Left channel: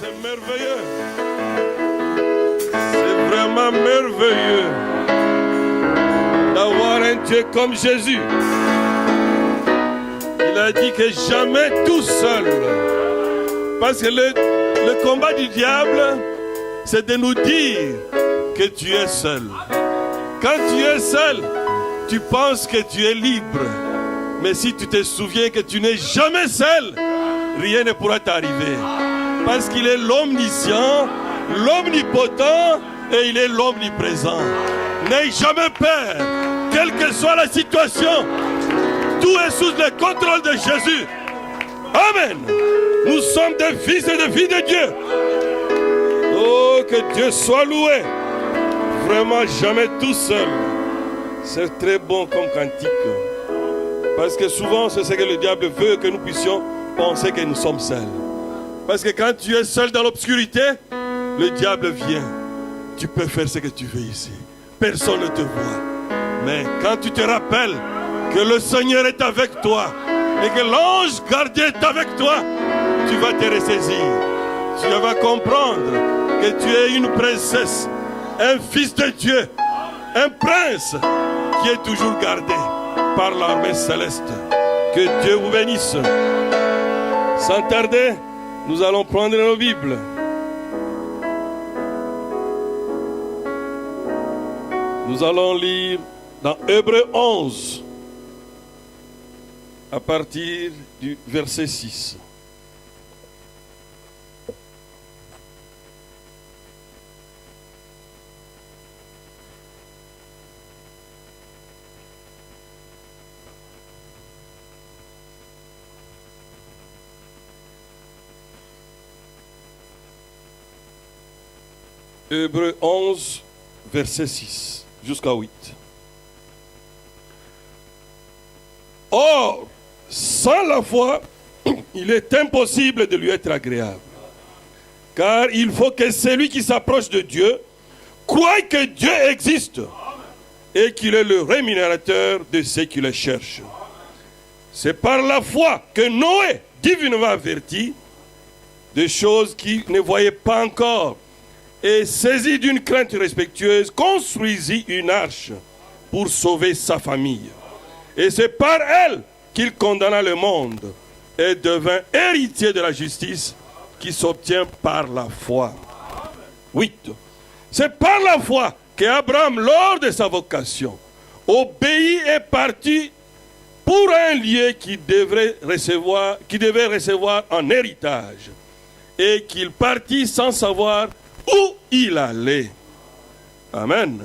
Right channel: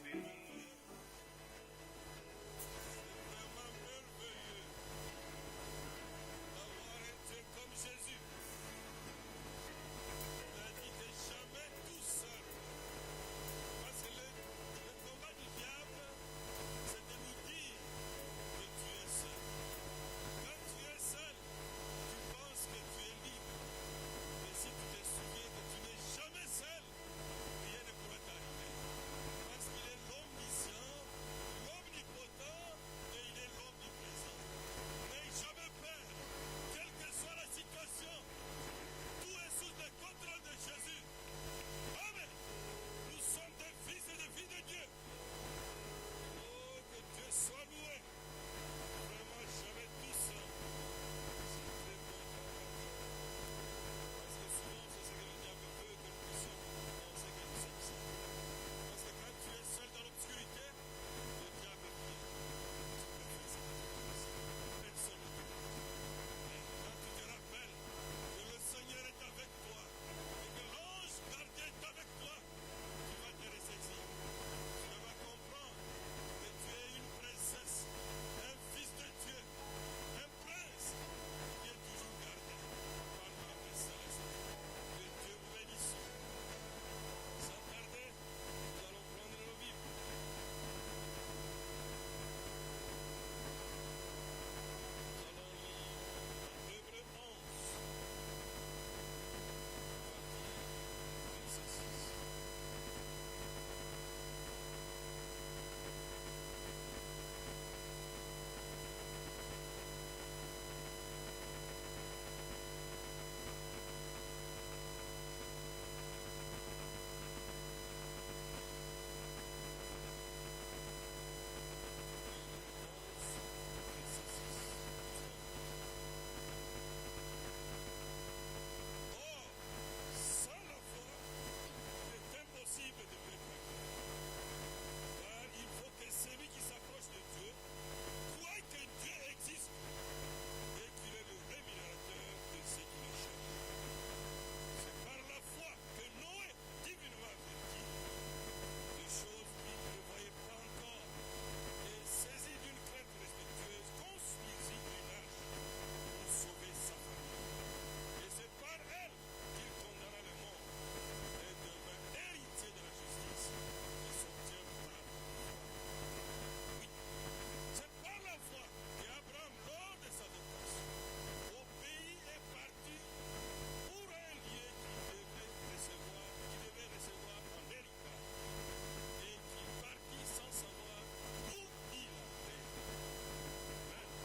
C'est merveilleux. C'est vraiment merveilleux d'avoir un Dieu comme Jésus. Il a dit que jamais tout seul. Parce que le combat du diable, c'est de nous dire que tu es seul. Quand tu es seul, tu penses que tu es libre. Mais si tu te souviens que tu n'es jamais seul, rien ne pourra t'arriver. Parce qu'il est l'omniscient, l'omnipotent et il est l'omniprésent. N'aie jamais peur, quelle que soit la situation. Tout est sous le contrôle de Jésus. Amen. Nous sommes des fils et des filles de Dieu. Oh, que Dieu soit loué. Vraiment jamais tout seul. C'est très bon comme cantique. Parce que souvent, c'est ce que le diable veut, que nous puissions penser que nous sommes seuls. Parce que quand tu es seul dans l'obscurité, le diable vient. Tu peux faire ce que tu veux ici. Personne ne te voit. Mais quand tu te rappelles que le Seigneur est avec toi et que l'ange gardien est avec toi, tu vas te ressaisir. Tu vas comprendre que tu es une princesse, un fils de Dieu, un prince qui est toujours gardé par l'armée céleste. Que Dieu vous bénisse. Sans tarder, nous allons prendre nos Bibles. Nous allons lire dans Hébreux 11, à partir du verset 6. Hébreux 11, verset 6 jusqu'à 8. Or, sans la foi, il est impossible de lui être agréable. Car il faut que celui qui s'approche de Dieu croie que Dieu existe et qu'il est le rémunérateur de ceux qui le cherchent. C'est par la foi que Noé, divinement averti, de choses qu'il ne voyait pas encore, et saisi d'une crainte respectueuse, construisit une arche pour sauver sa famille. Et c'est par elle qu'il condamna le monde et devint héritier de la justice qui s'obtient par la foi. 8. C'est par la foi qu'Abraham, lors de sa vocation, obéit et partit pour un lieu qu'il devait recevoir en héritage, et qu'il partit sans savoir où il allait. Amen.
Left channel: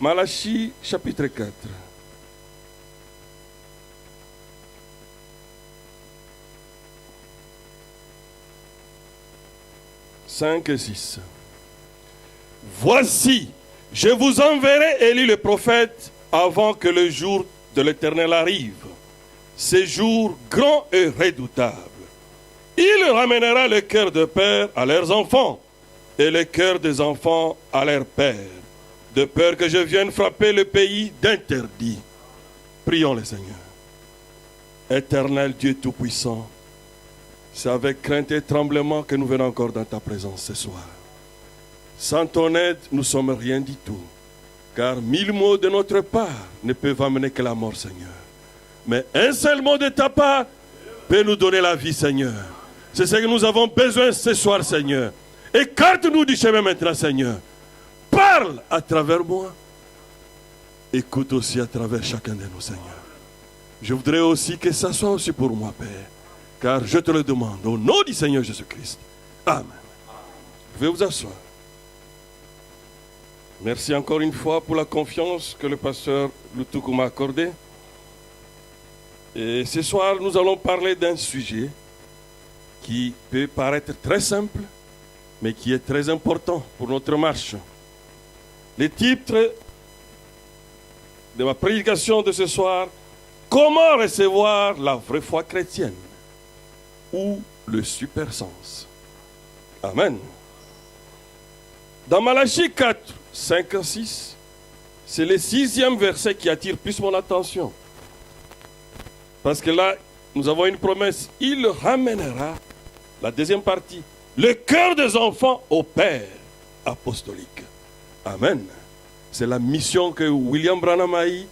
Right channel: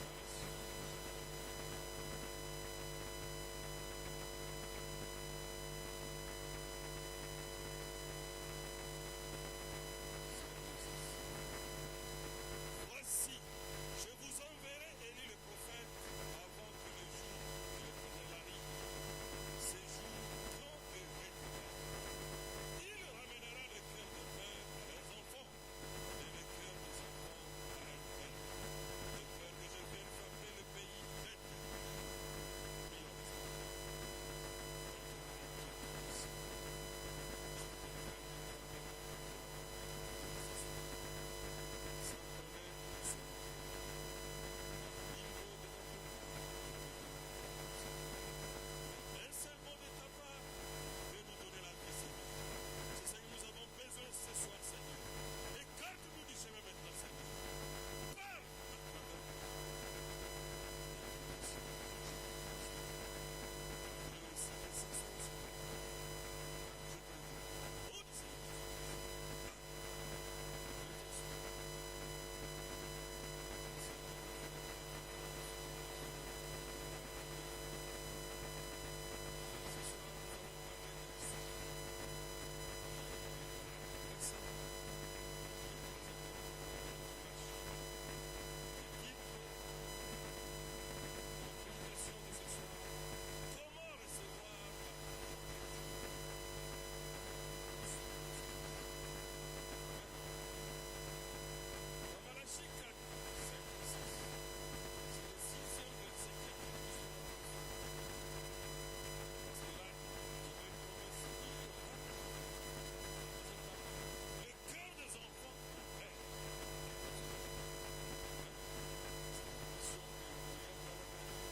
Malachie chapitre 4. « 5 et 6. Voici, je vous enverrai Élie le prophète avant que le jour de l'Éternel arrive. Ce jour grand et redoutable. Il ramènera le cœur de père à leurs enfants et le cœur des enfants à leurs pères, de peur que je vienne frapper le pays d'interdit. » Prions le Seigneur. Éternel Dieu Tout-Puissant, c'est avec crainte et tremblement que nous venons encore dans ta présence ce soir. Sans ton aide, nous ne sommes rien du tout, car 1000 mots de notre part ne peuvent amener que la mort, Seigneur. Mais un seul mot de ta part peut nous donner la vie, Seigneur. C'est ce que nous avons besoin ce soir, Seigneur. Écarte-nous du chemin maintenant, Seigneur. Parle à travers moi. Écoute aussi à travers chacun de nous, Seigneur. Je voudrais aussi que ça soit aussi pour moi, Père. Car je te le demande au nom du Seigneur Jésus-Christ. Amen. Vous pouvez vous asseoir. Merci encore une fois pour la confiance que le pasteur Lutuku m'a accordée. Et ce soir, nous allons parler d'un sujet qui peut paraître très simple, mais qui est très important pour notre marche. Le titre de ma prédication de ce soir, comment recevoir la vraie foi chrétienne ou le super sens. Amen. Dans Malachie 4, 5 à 6, c'est le 6e verset qui attire plus mon attention. Parce que là, nous avons une promesse. Il ramènera, la deuxième partie, le cœur des enfants au Père apostolique. Amen. C'est la mission que William Branham a eue,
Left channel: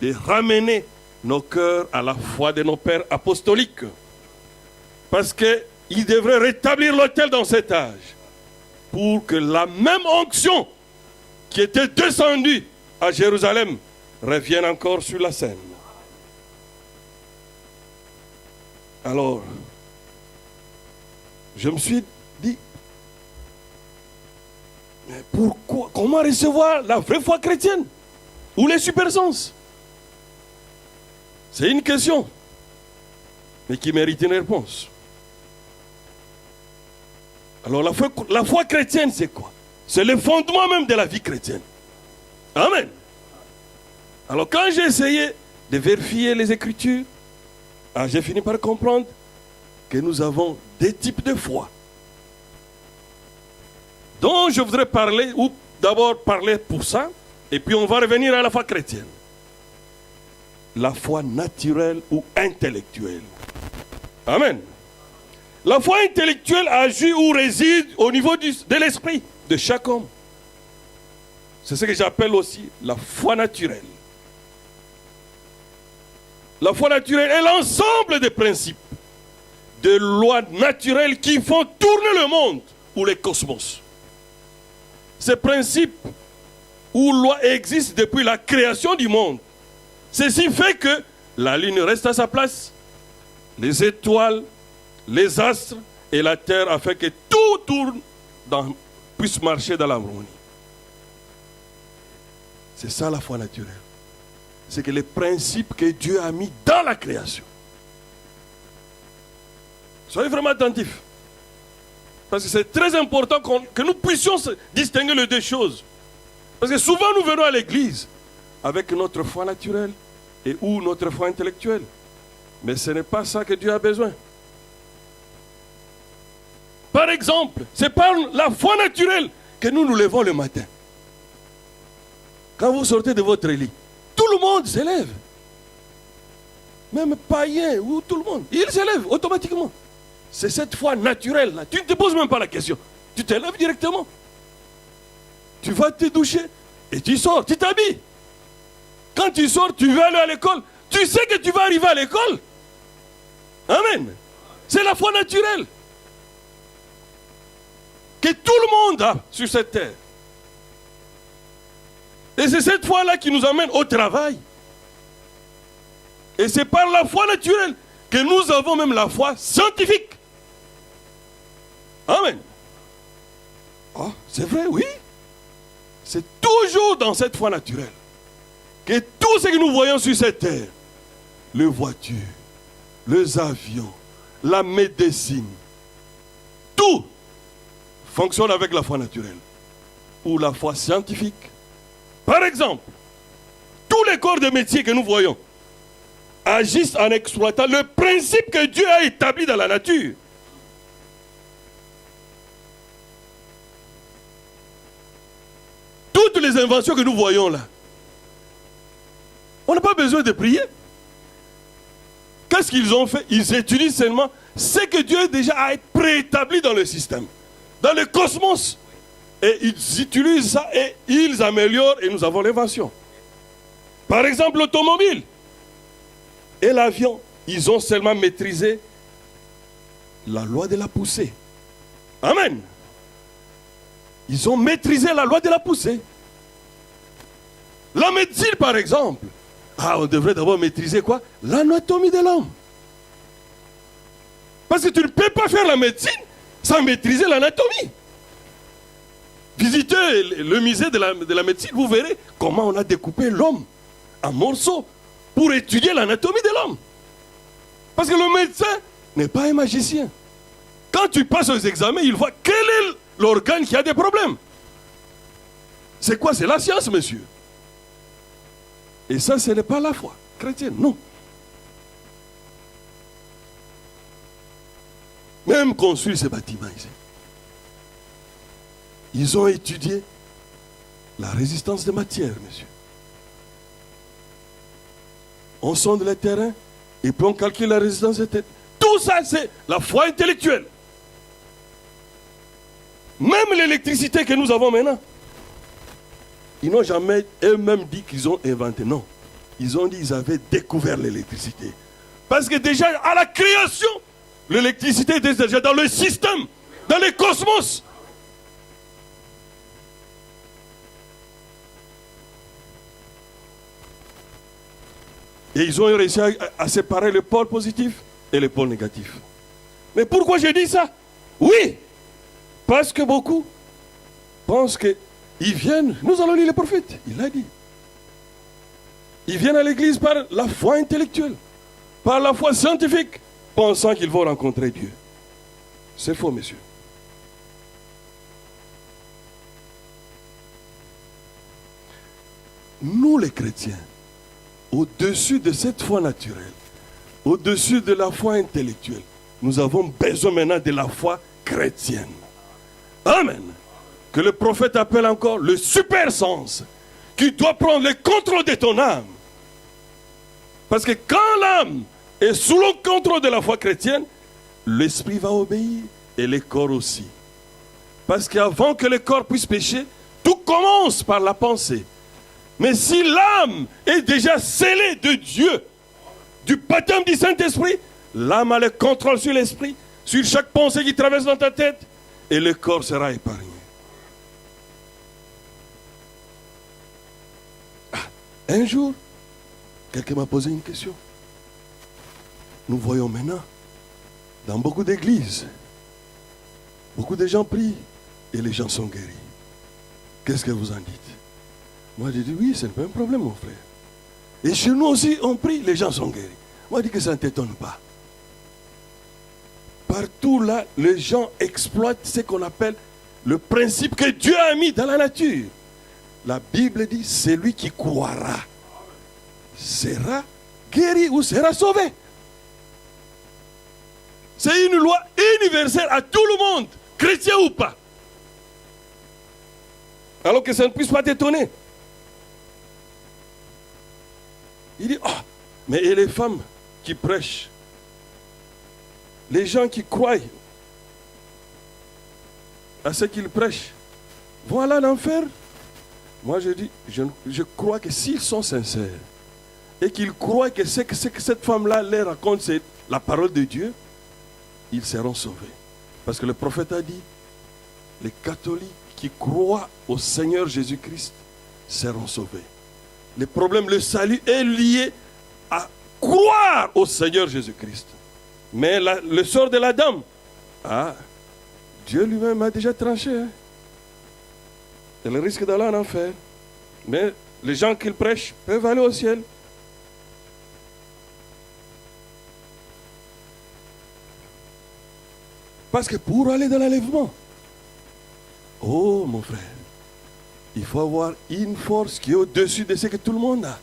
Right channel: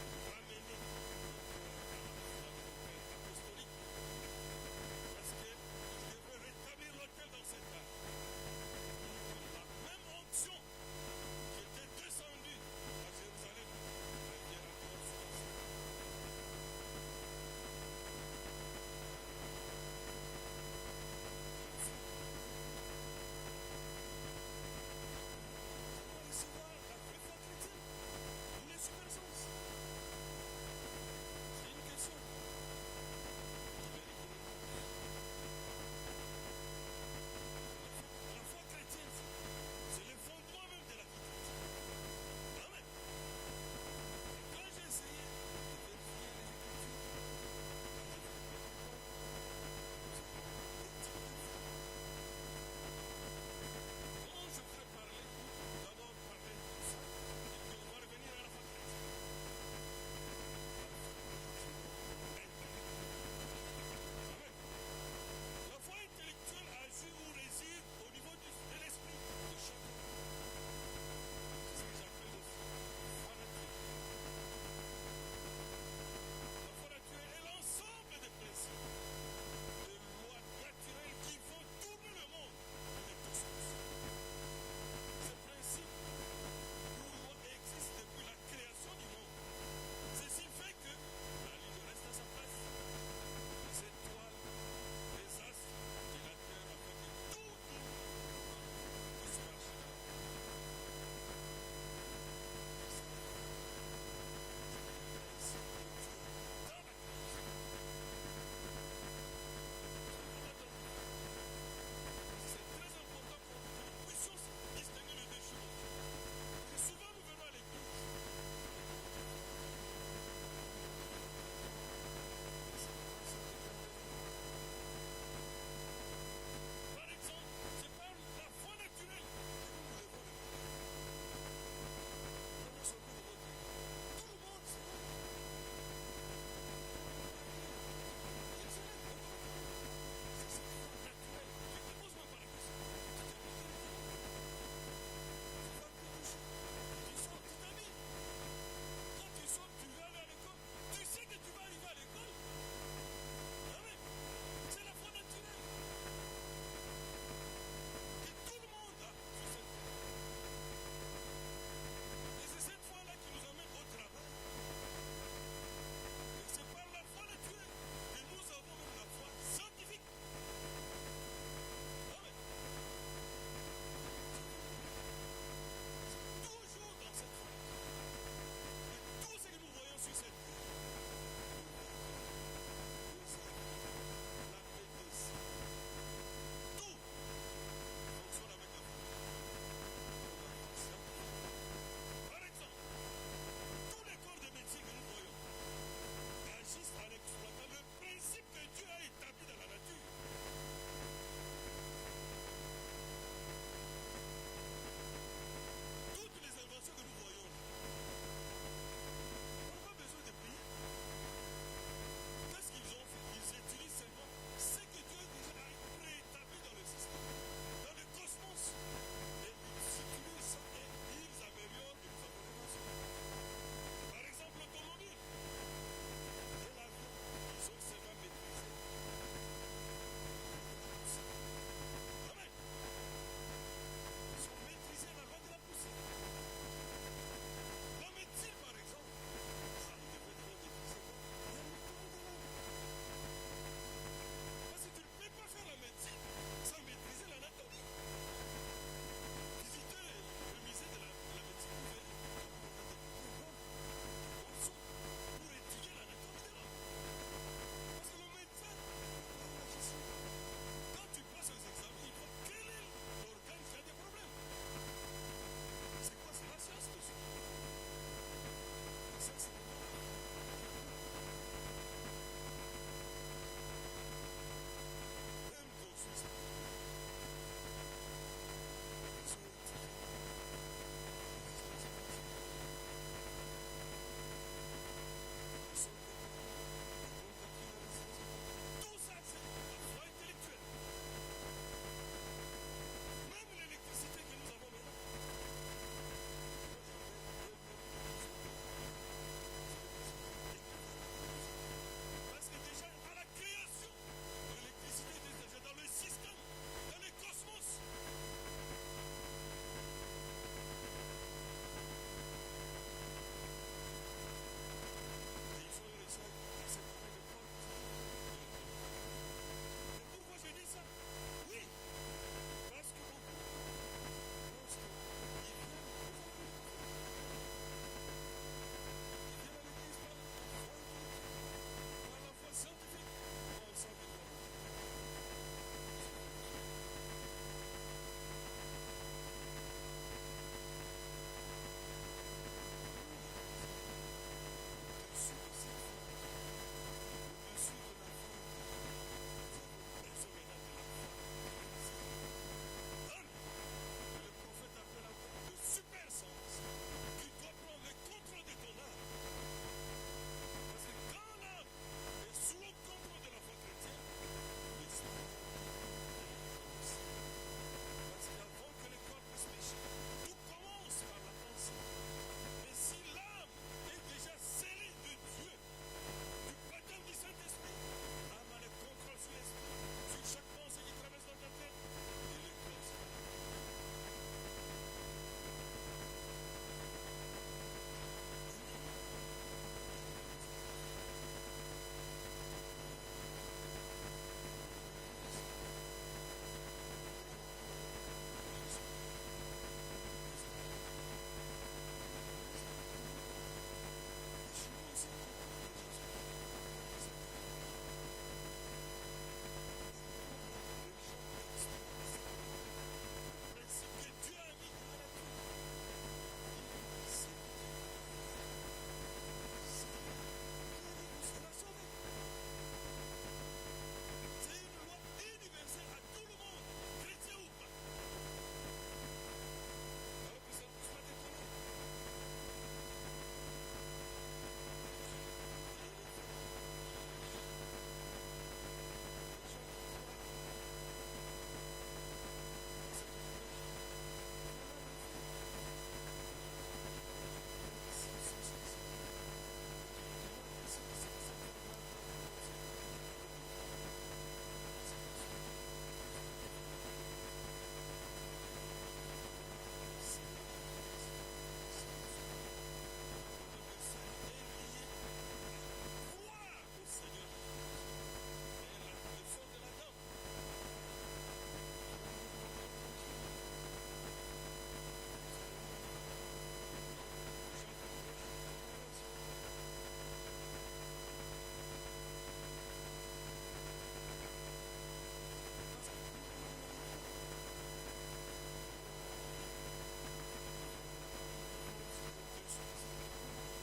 de ramener nos cœurs à la foi de nos pères apostoliques. Parce qu'il devrait rétablir l'autel dans cet âge, pour que la même onction qui était descendue à Jérusalem revienne encore sur la scène. Alors, je me suis dit, mais pourquoi, comment recevoir la vraie foi chrétienne ou les supersens? C'est une question, mais qui mérite une réponse. Alors la foi chrétienne, c'est quoi? C'est le fondement même de la vie chrétienne. Amen. Alors quand j'ai essayé de vérifier les Écritures, j'ai fini par comprendre que nous avons des types de foi, dont je voudrais parler, ou d'abord parler pour ça, et puis on va revenir à la foi chrétienne. La foi naturelle ou intellectuelle. Amen. La foi intellectuelle agit ou réside au niveau de l'esprit de chaque homme. C'est ce que j'appelle aussi la foi naturelle. La foi naturelle est l'ensemble des principes, de lois naturelles qui font tourner le monde ou le cosmos. Ces principes ou lois existent depuis la création du monde. Ceci fait que la lune reste à sa place, les étoiles, les astres et la terre, afin que tout tourne, puisse marcher dans l'harmonie. C'est ça la foi naturelle. C'est que les principes que Dieu a mis dans la création. Soyez vraiment attentifs. Parce que c'est très important que nous puissions distinguer les deux choses. Parce que souvent nous venons à l'église avec notre foi naturelle et ou notre foi intellectuelle. Mais ce n'est pas ça que Dieu a besoin. Par exemple, c'est par la foi naturelle que nous nous levons le matin. Quand vous sortez de votre lit, tout le monde s'élève. Même païen ou tout le monde. Il s'élève automatiquement. C'est cette foi naturelle-là. Tu ne te poses même pas la question. Tu t'élèves directement. Tu vas te doucher et tu sors, tu t'habilles. Quand tu sors, tu veux aller à l'école. Tu sais que tu vas arriver à l'école. Amen. C'est la foi naturelle que tout le monde a sur cette terre. Et c'est cette foi-là qui nous amène au travail. Et c'est par la foi naturelle que nous avons même la foi scientifique. Amen. Ah, c'est vrai, oui. C'est toujours dans cette foi naturelle que tout ce que nous voyons sur cette terre, les voitures, les avions, la médecine, tout fonctionne avec la foi naturelle ou la foi scientifique. Par exemple, tous les corps de métier que nous voyons agissent en exploitant le principe que Dieu a établi dans la nature. Toutes les inventions que nous voyons là, on n'a pas besoin de prier. Qu'est-ce qu'ils ont fait? Ils utilisent seulement ce que Dieu déjà a préétabli dans le système, dans le cosmos. Et ils utilisent ça et ils améliorent et nous avons l'invention. Par exemple, l'automobile et l'avion, ils ont seulement maîtrisé la loi de la poussée. Amen. Ils ont maîtrisé la loi de la poussée. La médecine, par exemple. On devrait d'abord maîtriser quoi? L'anatomie de l'homme. Parce que tu ne peux pas faire la médecine sans maîtriser l'anatomie. Visitez le musée de la médecine, vous verrez comment on a découpé l'homme en morceaux pour étudier l'anatomie de l'homme. Parce que le médecin n'est pas un magicien. Quand tu passes aux examens, il voit quel est l'organe qui a des problèmes. C'est quoi? C'est la science, monsieur. Et ça, ce n'est pas la foi chrétienne, non. Même construire ces bâtiments ici. Ils ont étudié la résistance des matières, monsieur. On sonde les terrains et puis on calcule la résistance des terrains. Tout ça, c'est la foi intellectuelle. Même l'électricité que nous avons maintenant, ils n'ont jamais eux-mêmes dit qu'ils ont inventé. Non. Ils ont dit qu'ils avaient découvert l'électricité. Parce que déjà, à la création, l'électricité était déjà dans le système, dans le cosmos. Et ils ont réussi à séparer le pôle positif et le pôle négatif. Mais pourquoi je dis ça? Oui, parce que beaucoup pensent qu'ils viennent, nous allons lire le prophète, il l'a dit. Ils viennent à l'église par la foi intellectuelle, par la foi scientifique, pensant qu'ils vont rencontrer Dieu. C'est faux, messieurs. Nous les chrétiens, au-dessus de cette foi naturelle, au-dessus de la foi intellectuelle, nous avons besoin maintenant de la foi chrétienne. Amen. Que le prophète appelle encore le super sens, qui doit prendre le contrôle de ton âme. Parce que quand l'âme est sous le contrôle de la foi chrétienne, l'esprit va obéir et le corps aussi. Parce qu'avant que le corps puisse pécher, tout commence par la pensée. Mais si l'âme est déjà scellée de Dieu, du baptême du Saint-Esprit, l'âme a le contrôle sur l'esprit, sur chaque pensée qui traverse dans ta tête, et le corps sera épargné. Un jour, quelqu'un m'a posé une question. Nous voyons maintenant, dans beaucoup d'églises, beaucoup de gens prient et les gens sont guéris. Qu'est-ce que vous en dites? Moi, j'ai dit, oui, c'est pas un problème, mon frère. Et chez nous aussi, on prie, les gens sont guéris. Moi, je dis que ça ne t'étonne pas. Partout là, les gens exploitent ce qu'on appelle le principe que Dieu a mis dans la nature. La Bible dit, celui qui croira sera guéri ou sera sauvé. C'est une loi universelle à tout le monde, chrétien ou pas. Alors que ça ne puisse pas t'étonner. Il dit, oh, mais et les femmes qui prêchent, les gens qui croient à ce qu'ils prêchent, vont aller en enfer. Moi je dis, je crois que s'ils sont sincères et qu'ils croient que ce que cette femme-là leur raconte, c'est la parole de Dieu, ils seront sauvés. Parce que le prophète a dit, les catholiques qui croient au Seigneur Jésus-Christ seront sauvés. Le problème, le salut est lié à croire au Seigneur Jésus-Christ. Mais le sort de la dame, Dieu lui-même a déjà tranché. Hein. Elle risque d'aller en enfer. Mais les gens qu'il prêche peuvent aller au ciel. Parce que pour aller dans l'enlèvement, oh mon frère, il faut avoir une force qui est au-dessus de ce que tout le monde a.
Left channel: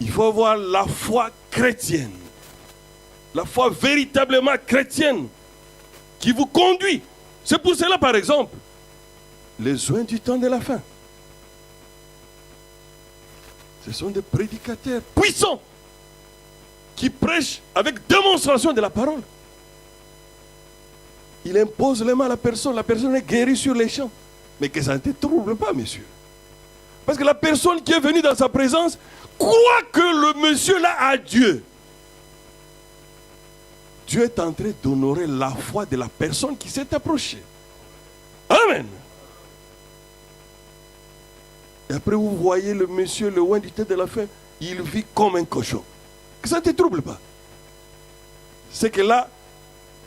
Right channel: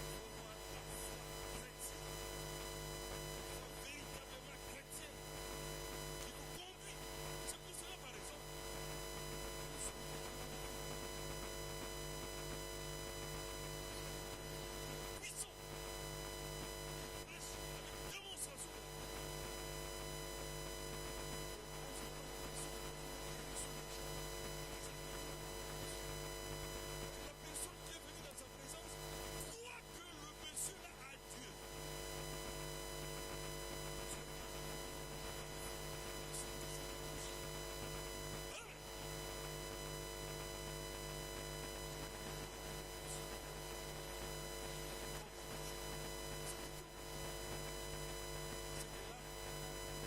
Il faut avoir la foi chrétienne. La foi véritablement chrétienne qui vous conduit. C'est pour cela, par exemple, les soins du temps de la fin. Ce sont des prédicateurs puissants qui prêchent avec démonstration de la parole. Il impose les mains à la personne est guérie sur les champs. Mais que ça ne te trouble pas, monsieur. Parce que la personne qui est venue dans sa présence croit que le monsieur là a Dieu. Dieu est en train d'honorer la foi de la personne qui s'est approchée. Amen. Et après vous voyez le monsieur, le oint du tête de la fin, il vit comme un cochon. Que ça ne te trouble pas. C'est que là,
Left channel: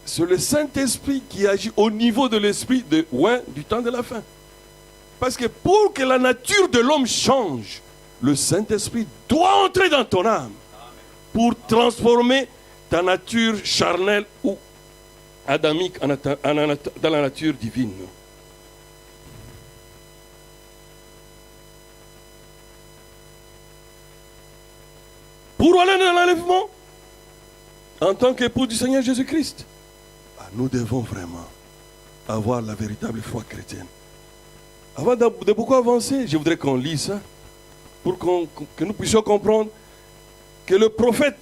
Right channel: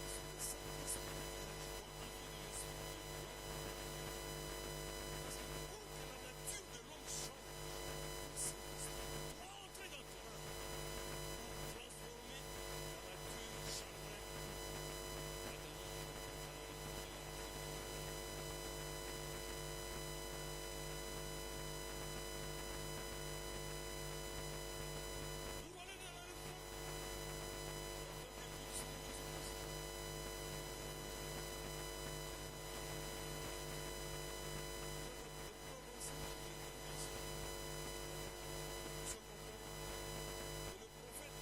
c'est le Saint-Esprit qui agit au niveau de l'esprit de oint du temps de la fin. Parce que pour que la nature de l'homme change, le Saint-Esprit doit entrer dans ton âme pour transformer ta nature charnelle ou adamique dans la nature divine. Pour aller dans l'enlèvement, en tant qu'époux du Seigneur Jésus-Christ, nous devons vraiment avoir la véritable foi chrétienne. Avant de beaucoup avancer, je voudrais qu'on lise ça pour que nous puissions comprendre que le prophète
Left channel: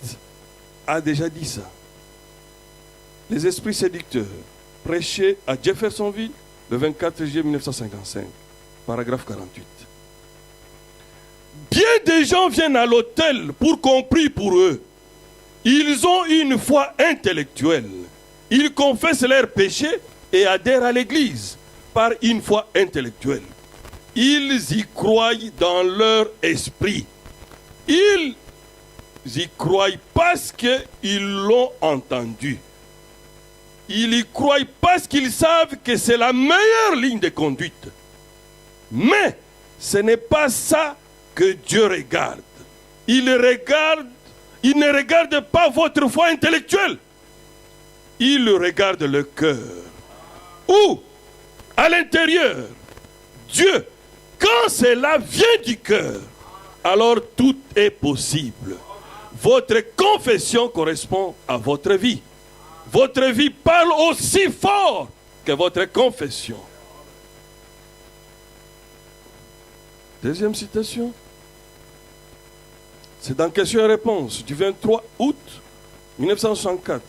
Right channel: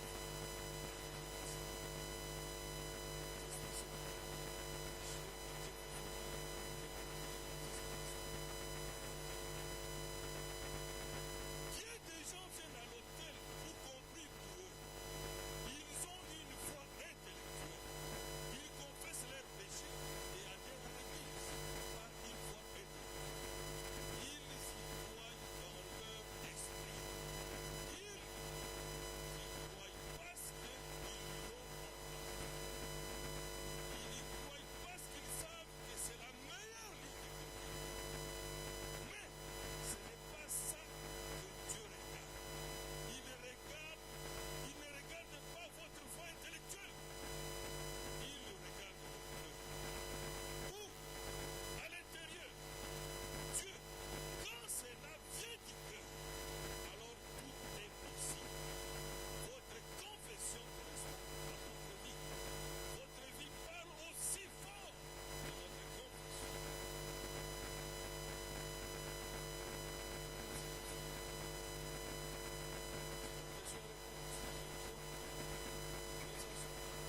a déjà dit ça. Les esprits séducteurs prêchaient à Jeffersonville, le 24 juillet 1955, paragraphe 48. Bien des gens viennent à l'autel pour qu'on prie pour eux. Ils ont une foi intellectuelle. Ils confessent leurs péchés et adhèrent à l'église par une foi intellectuelle. Ils y croient dans leur esprit. Ils y croient parce qu'ils l'ont entendu. Ils y croient parce qu'ils savent que c'est la meilleure ligne de conduite. Mais ce n'est pas ça que Dieu regarde. Il ne regarde pas votre foi intellectuelle. Il regarde le cœur. Ou, à l'intérieur, Dieu, quand cela vient du cœur, alors tout est possible. Votre confession correspond à votre vie. Votre vie parle aussi fort que votre confession. Deuxième citation. C'est dans Question et Réponse du 23 août 1964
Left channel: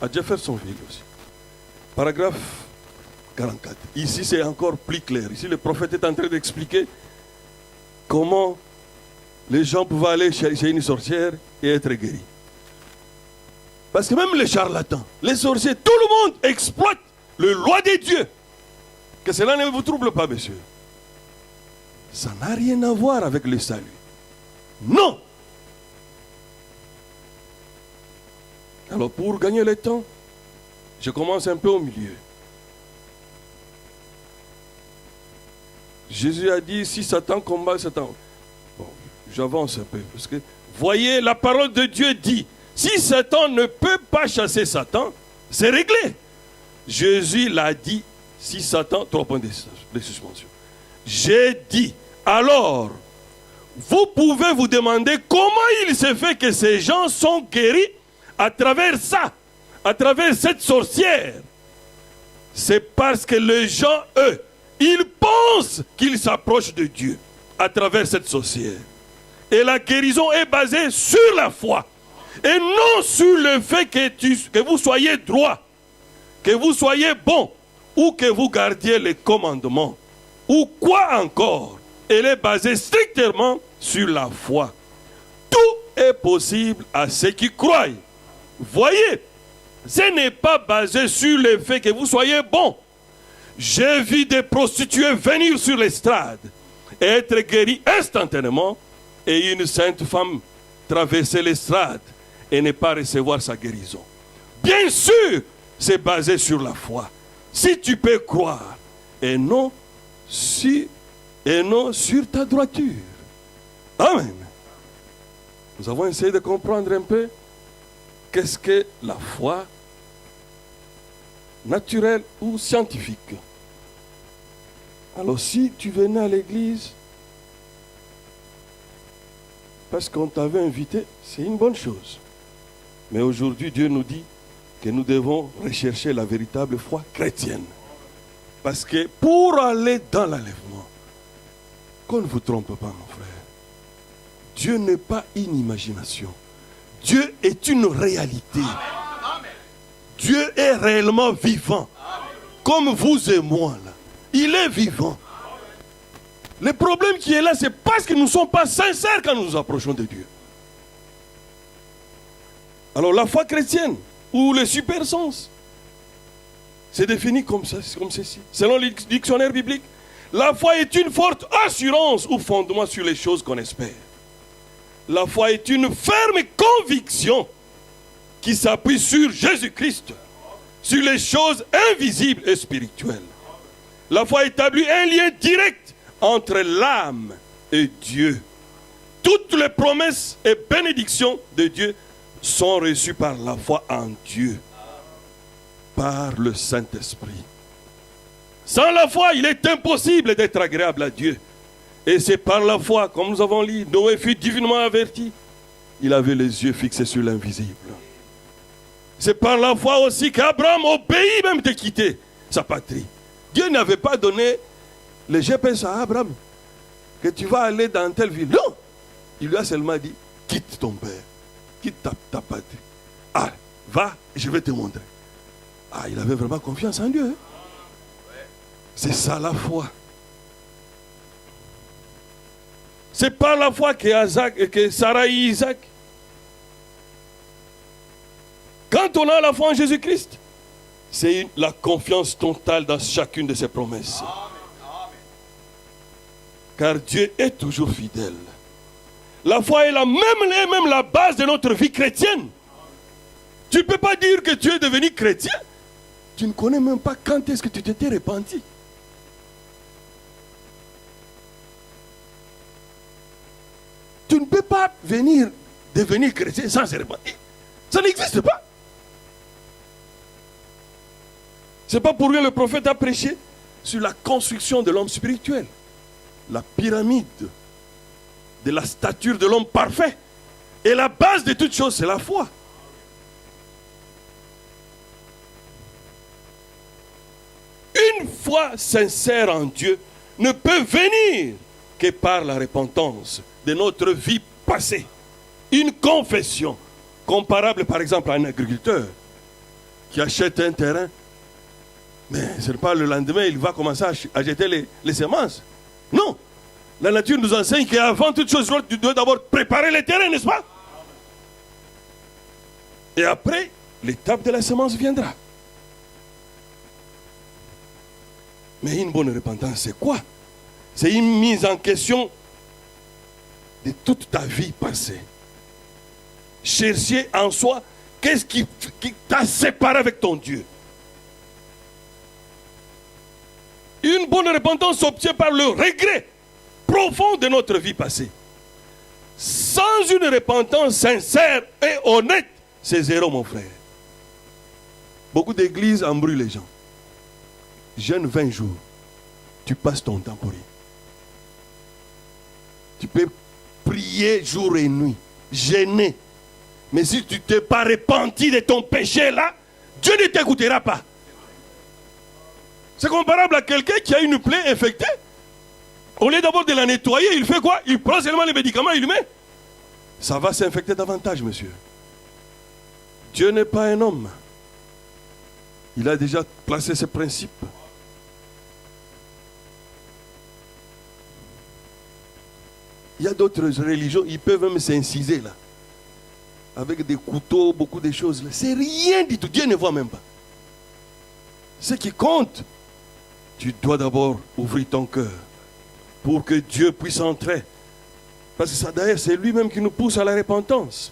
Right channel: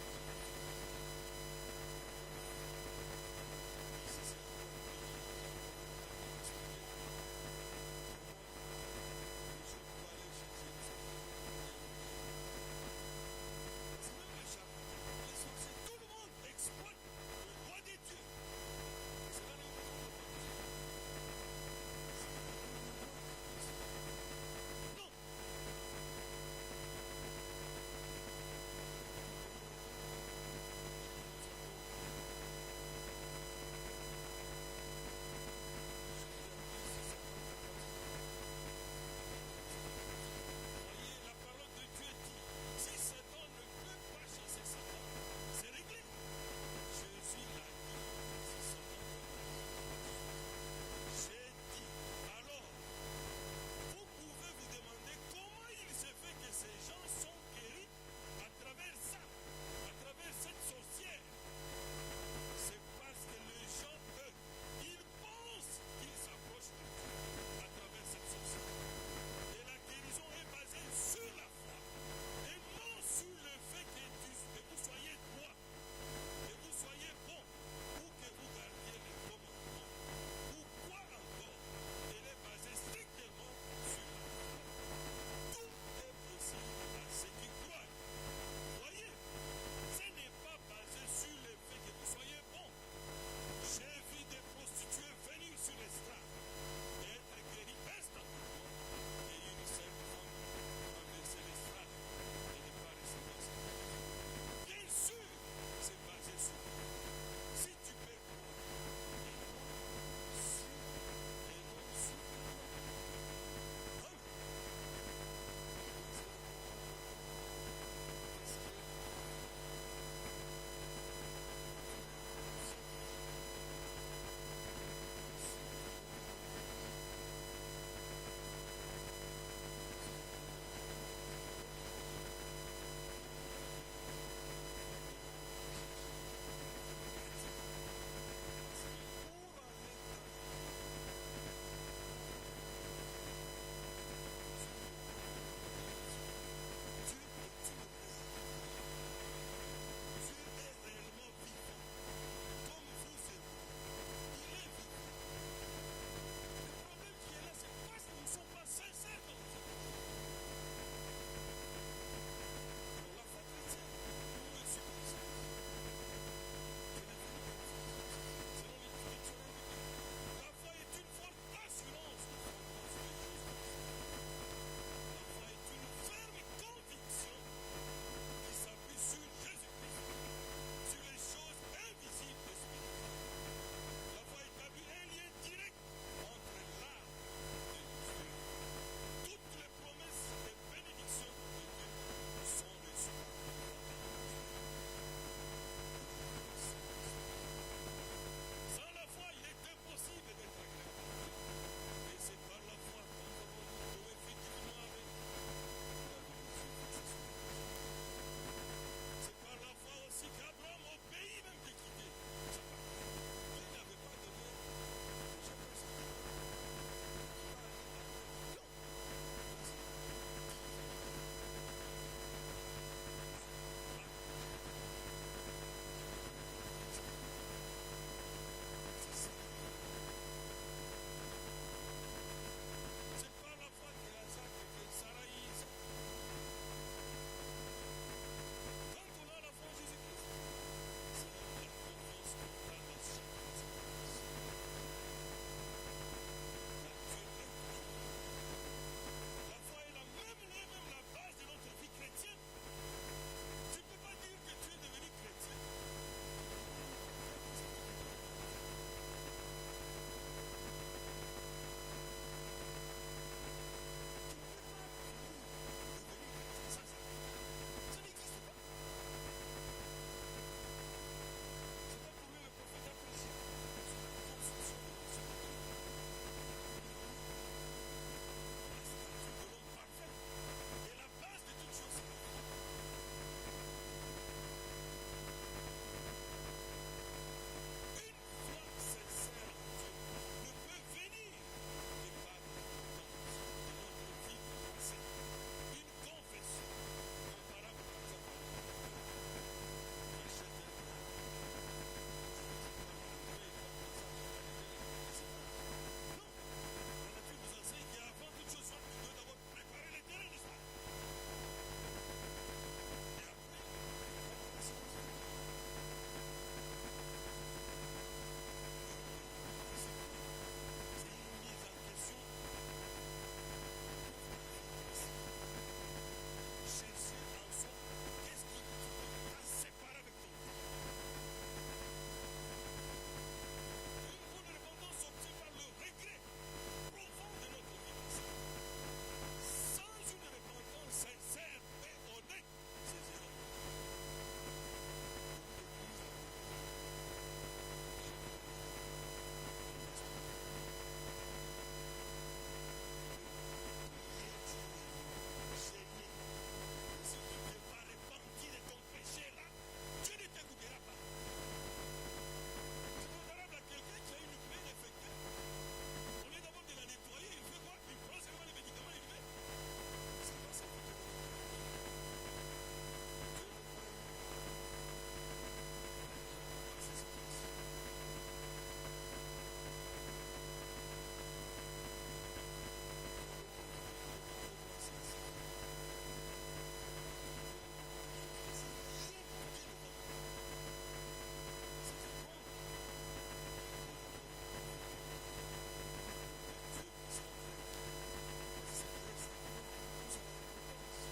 à Jeffersonville aussi. Paragraphe 44. Ici, c'est encore plus clair. Ici, le prophète est en train d'expliquer comment les gens pouvaient aller chez une sorcière et être guéris. Parce que même les charlatans, les sorciers, tout le monde exploite le loi des dieux. Que cela ne vous trouble pas, monsieur. Ça n'a rien à voir avec le salut. Non. Alors pour gagner le temps, je commence un peu au milieu. Jésus a dit, si Satan combat Satan. Bon, j'avance un peu. Parce que, voyez, la parole de Dieu dit, si Satan ne peut pas chasser Satan, c'est réglé. Jésus l'a dit, si Satan, 3 points de suspension. J'ai dit, alors, vous pouvez vous demander comment il se fait que ces gens sont guéris à travers ça, à travers cette sorcière. C'est parce que les gens, eux, ils pensent qu'ils s'approchent de Dieu à travers cette sorcière. Et la guérison est basée sur la foi. Et non sur le fait que vous soyez droit, que vous soyez bon, ou que vous gardiez les commandements, ou quoi encore. Elle est basée strictement sur la foi. Tout est possible à ceux qui croient. Voyez, ce n'est pas basé sur le fait que vous soyez bon. J'ai vu des prostituées venir sur l'estrade et être guéries instantanément, et une sainte femme traverser l'estrade et ne pas recevoir sa guérison. Bien sûr, c'est basé sur la foi. Si tu peux croire, et non sur ta droiture. Amen. Nous avons essayé de comprendre un peu qu'est-ce que la foi naturelle ou scientifique. Alors si tu venais à l'église parce qu'on t'avait invité, c'est une bonne chose. Mais aujourd'hui, Dieu nous dit que nous devons rechercher la véritable foi chrétienne. Parce que pour aller dans l'enlèvement, qu'on ne vous trompe pas, mon frère, Dieu n'est pas une imagination. Dieu est une réalité. Dieu est réellement vivant. Comme vous et moi, là. Il est vivant. Le problème qui est là, c'est parce que nous ne sommes pas sincères quand nous nous approchons de Dieu. Alors la foi chrétienne, ou le super sens, c'est défini comme ça, comme ceci. Selon le dictionnaire biblique, la foi est une forte assurance ou fondement sur les choses qu'on espère. La foi est une ferme conviction qui s'appuie sur Jésus-Christ, sur les choses invisibles et spirituelles. La foi établit un lien direct entre l'âme et Dieu. Toutes les promesses et bénédictions de Dieu sont reçues par la foi en Dieu, par le Saint-Esprit. Sans la foi, il est impossible d'être agréable à Dieu. Et c'est par la foi, comme nous avons lu, Noé fut divinement averti. Il avait les yeux fixés sur l'invisible. C'est par la foi aussi qu'Abraham obéit même de quitter sa patrie. Dieu n'avait pas donné le GPS à Abraham, que tu vas aller dans telle ville. Non! Il lui a seulement dit, quitte ton père, quitte ta patrie. Ah, va, je vais te montrer. Ah, il avait vraiment confiance en Dieu. Hein? C'est ça la foi. C'est par la foi que Sarah et Isaac. Quand on a la foi en Jésus-Christ, c'est la confiance totale dans chacune de ses promesses. Car Dieu est toujours fidèle. La foi est même la base de notre vie chrétienne. Tu ne peux pas dire que tu es devenu chrétien. Tu ne connais même pas quand est-ce que tu t'étais repenti. Tu ne peux pas devenir chrétien sans se repentir. Ça n'existe pas. Ce n'est pas pour rien que le prophète a prêché sur la construction de l'homme spirituel. La pyramide de la stature de l'homme parfait. Et la base de toute chose, c'est la foi. Une foi sincère en Dieu ne peut venir que par la repentance de notre vie passée. Une confession comparable par exemple à un agriculteur qui achète un terrain, mais ce n'est pas le lendemain il va commencer à jeter les semences. Non, la nature nous enseigne qu'avant toute chose, tu dois d'abord préparer le terrain, n'est-ce pas? Et après, l'étape de la semence viendra. Mais une bonne repentance, c'est quoi? C'est une mise en question de toute ta vie passée. Chercher en soi qu'est-ce qui t'a séparé avec ton Dieu. Une bonne repentance s'obtient par le regret profond de notre vie passée. Sans une repentance sincère et honnête, c'est zéro, mon frère. Beaucoup d'églises embrouillent les gens. Jeûne 20 jours, tu passes ton temps pour rien. Tu peux prier jour et nuit, jeûner. Mais si tu ne t'es pas repenti de ton péché là, Dieu ne t'écoutera pas. C'est comparable à quelqu'un qui a une plaie infectée. Au lieu d'abord de la nettoyer, il fait quoi? Il prend seulement les médicaments et il met. Ça va s'infecter davantage, monsieur. Dieu n'est pas un homme. Il a déjà placé ses principes. Il y a d'autres religions, ils peuvent même s'inciser là. Avec des couteaux, beaucoup de choses. C'est rien du tout. Dieu ne voit même pas. Ce qui compte, tu dois d'abord ouvrir ton cœur pour que Dieu puisse entrer. Parce que ça, d'ailleurs, c'est lui-même qui nous pousse à la repentance.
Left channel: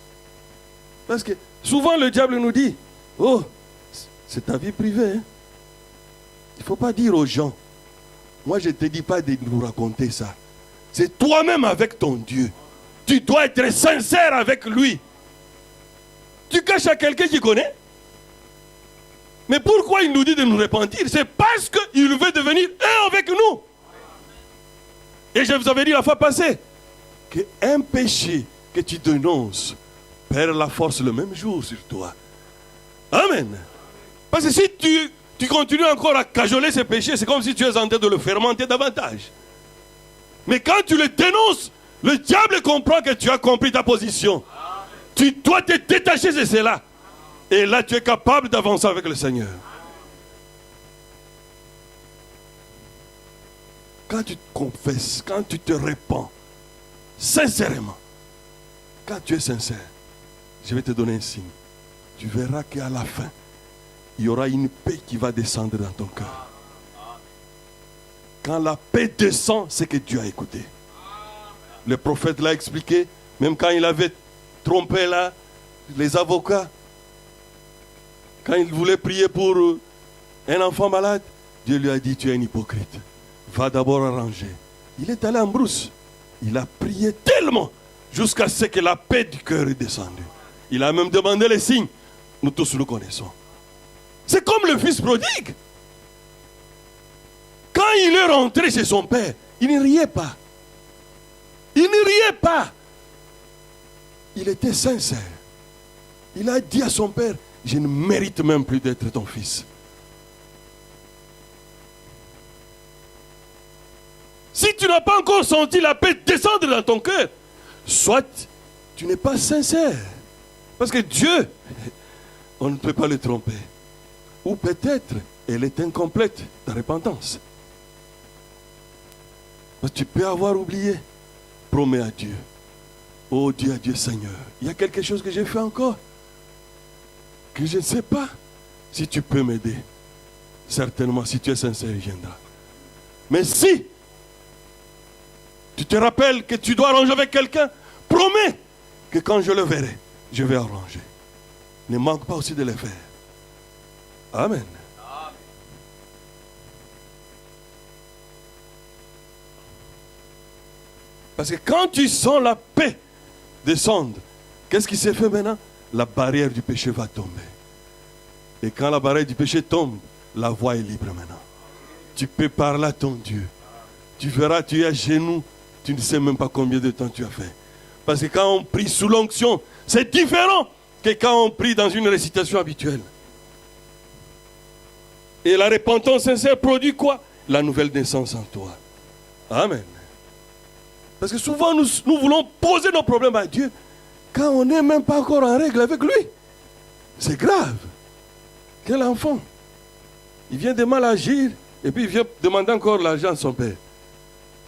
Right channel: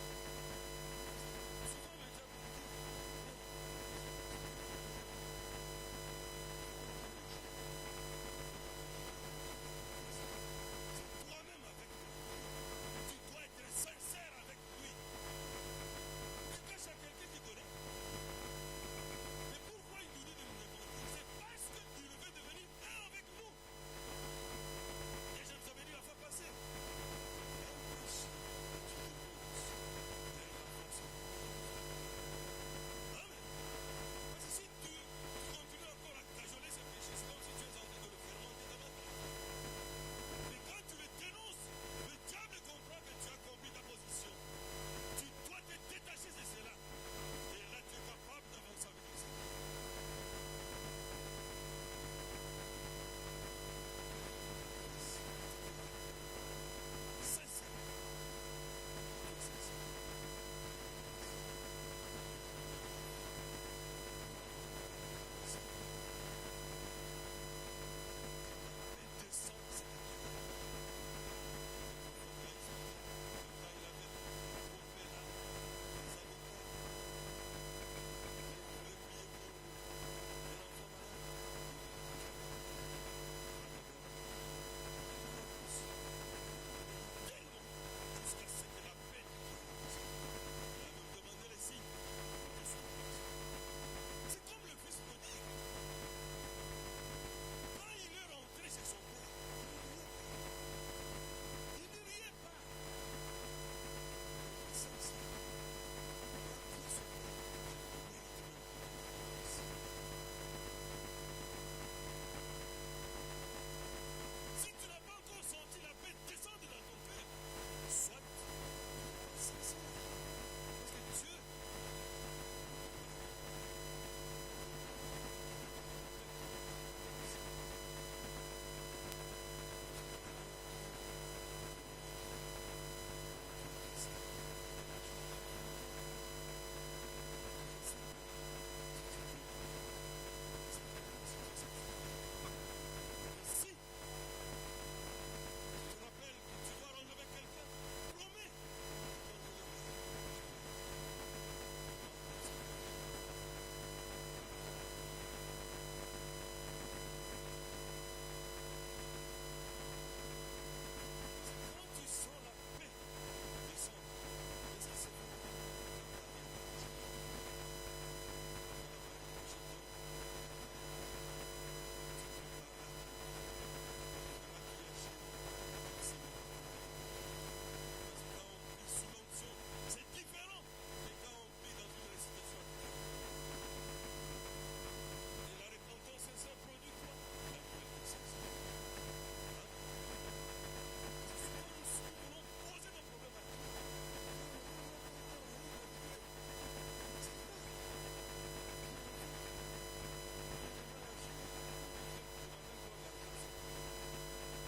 Parce que souvent le diable nous dit, oh, c'est ta vie privée. Hein? Il ne faut pas dire aux gens, moi je ne te dis pas de nous raconter ça. C'est toi-même avec ton Dieu. Tu dois être sincère avec lui. Tu caches à quelqu'un qui connaît. Mais pourquoi il nous dit de nous repentir? C'est parce qu'il veut devenir un avec nous. Et je vous avais dit la fois passée qu'un péché que tu dénonces perd la force le même jour sur toi. Amen. Parce que si tu continues encore à cajoler ce péché, c'est comme si tu es en train de le fermenter davantage. Mais quand tu le dénonces, le diable comprend que tu as compris ta position. Tu dois te détacher de cela. Et là, tu es capable d'avancer avec le Seigneur. Quand tu te confesses, quand tu te répands, sincèrement, quand tu es sincère, je vais te donner un signe. Tu verras qu'à la fin, il y aura une paix qui va descendre dans ton cœur. Quand la paix descend, c'est que Dieu a écouté. Le prophète l'a expliqué, même quand il avait trompé là, les avocats, quand il voulait prier pour un enfant malade, Dieu lui a dit, tu es un hypocrite. Va d'abord arranger. Il est allé en brousse. Il a prié tellement jusqu'à ce que la paix du cœur est descendue. Il a même demandé les signes. Nous tous le connaissons. C'est comme le fils prodigue. Quand il est rentré chez son père, il ne riait pas. Il ne riait pas. Il était sincère. Il a dit à son père, je ne mérite même plus d'être ton fils. Si tu n'as pas encore senti la paix descendre dans ton cœur, soit tu n'es pas sincère. Parce que Dieu, on ne peut pas le tromper. Ou peut-être, elle est incomplète, ta repentance. Tu peux avoir oublié. Promets à Dieu. Oh, dis à Dieu, Seigneur, il y a quelque chose que j'ai fait encore, que je ne sais pas. Si tu peux m'aider, certainement, si tu es sincère, il viendra. Mais si tu te rappelles que tu dois arranger avec quelqu'un, promets que quand je le verrai, je vais arranger. Ne manque pas aussi de le faire. Amen. Parce que quand tu sens la paix descendre, qu'est-ce qui s'est fait maintenant? La barrière du péché va tomber. Et quand la barrière du péché tombe, la voie est libre maintenant. Tu peux parler à ton Dieu. Tu verras, tu es à genoux, tu ne sais même pas combien de temps tu as fait. Parce que quand on prie sous l'onction, c'est différent que quand on prie dans une récitation habituelle. Et la repentance sincère produit quoi? La nouvelle naissance en toi. Amen. Parce que souvent nous voulons poser nos problèmes à Dieu quand on n'est même pas encore en règle avec lui. C'est grave. Quel enfant? Il vient de mal agir et puis il vient demander encore l'argent à son père.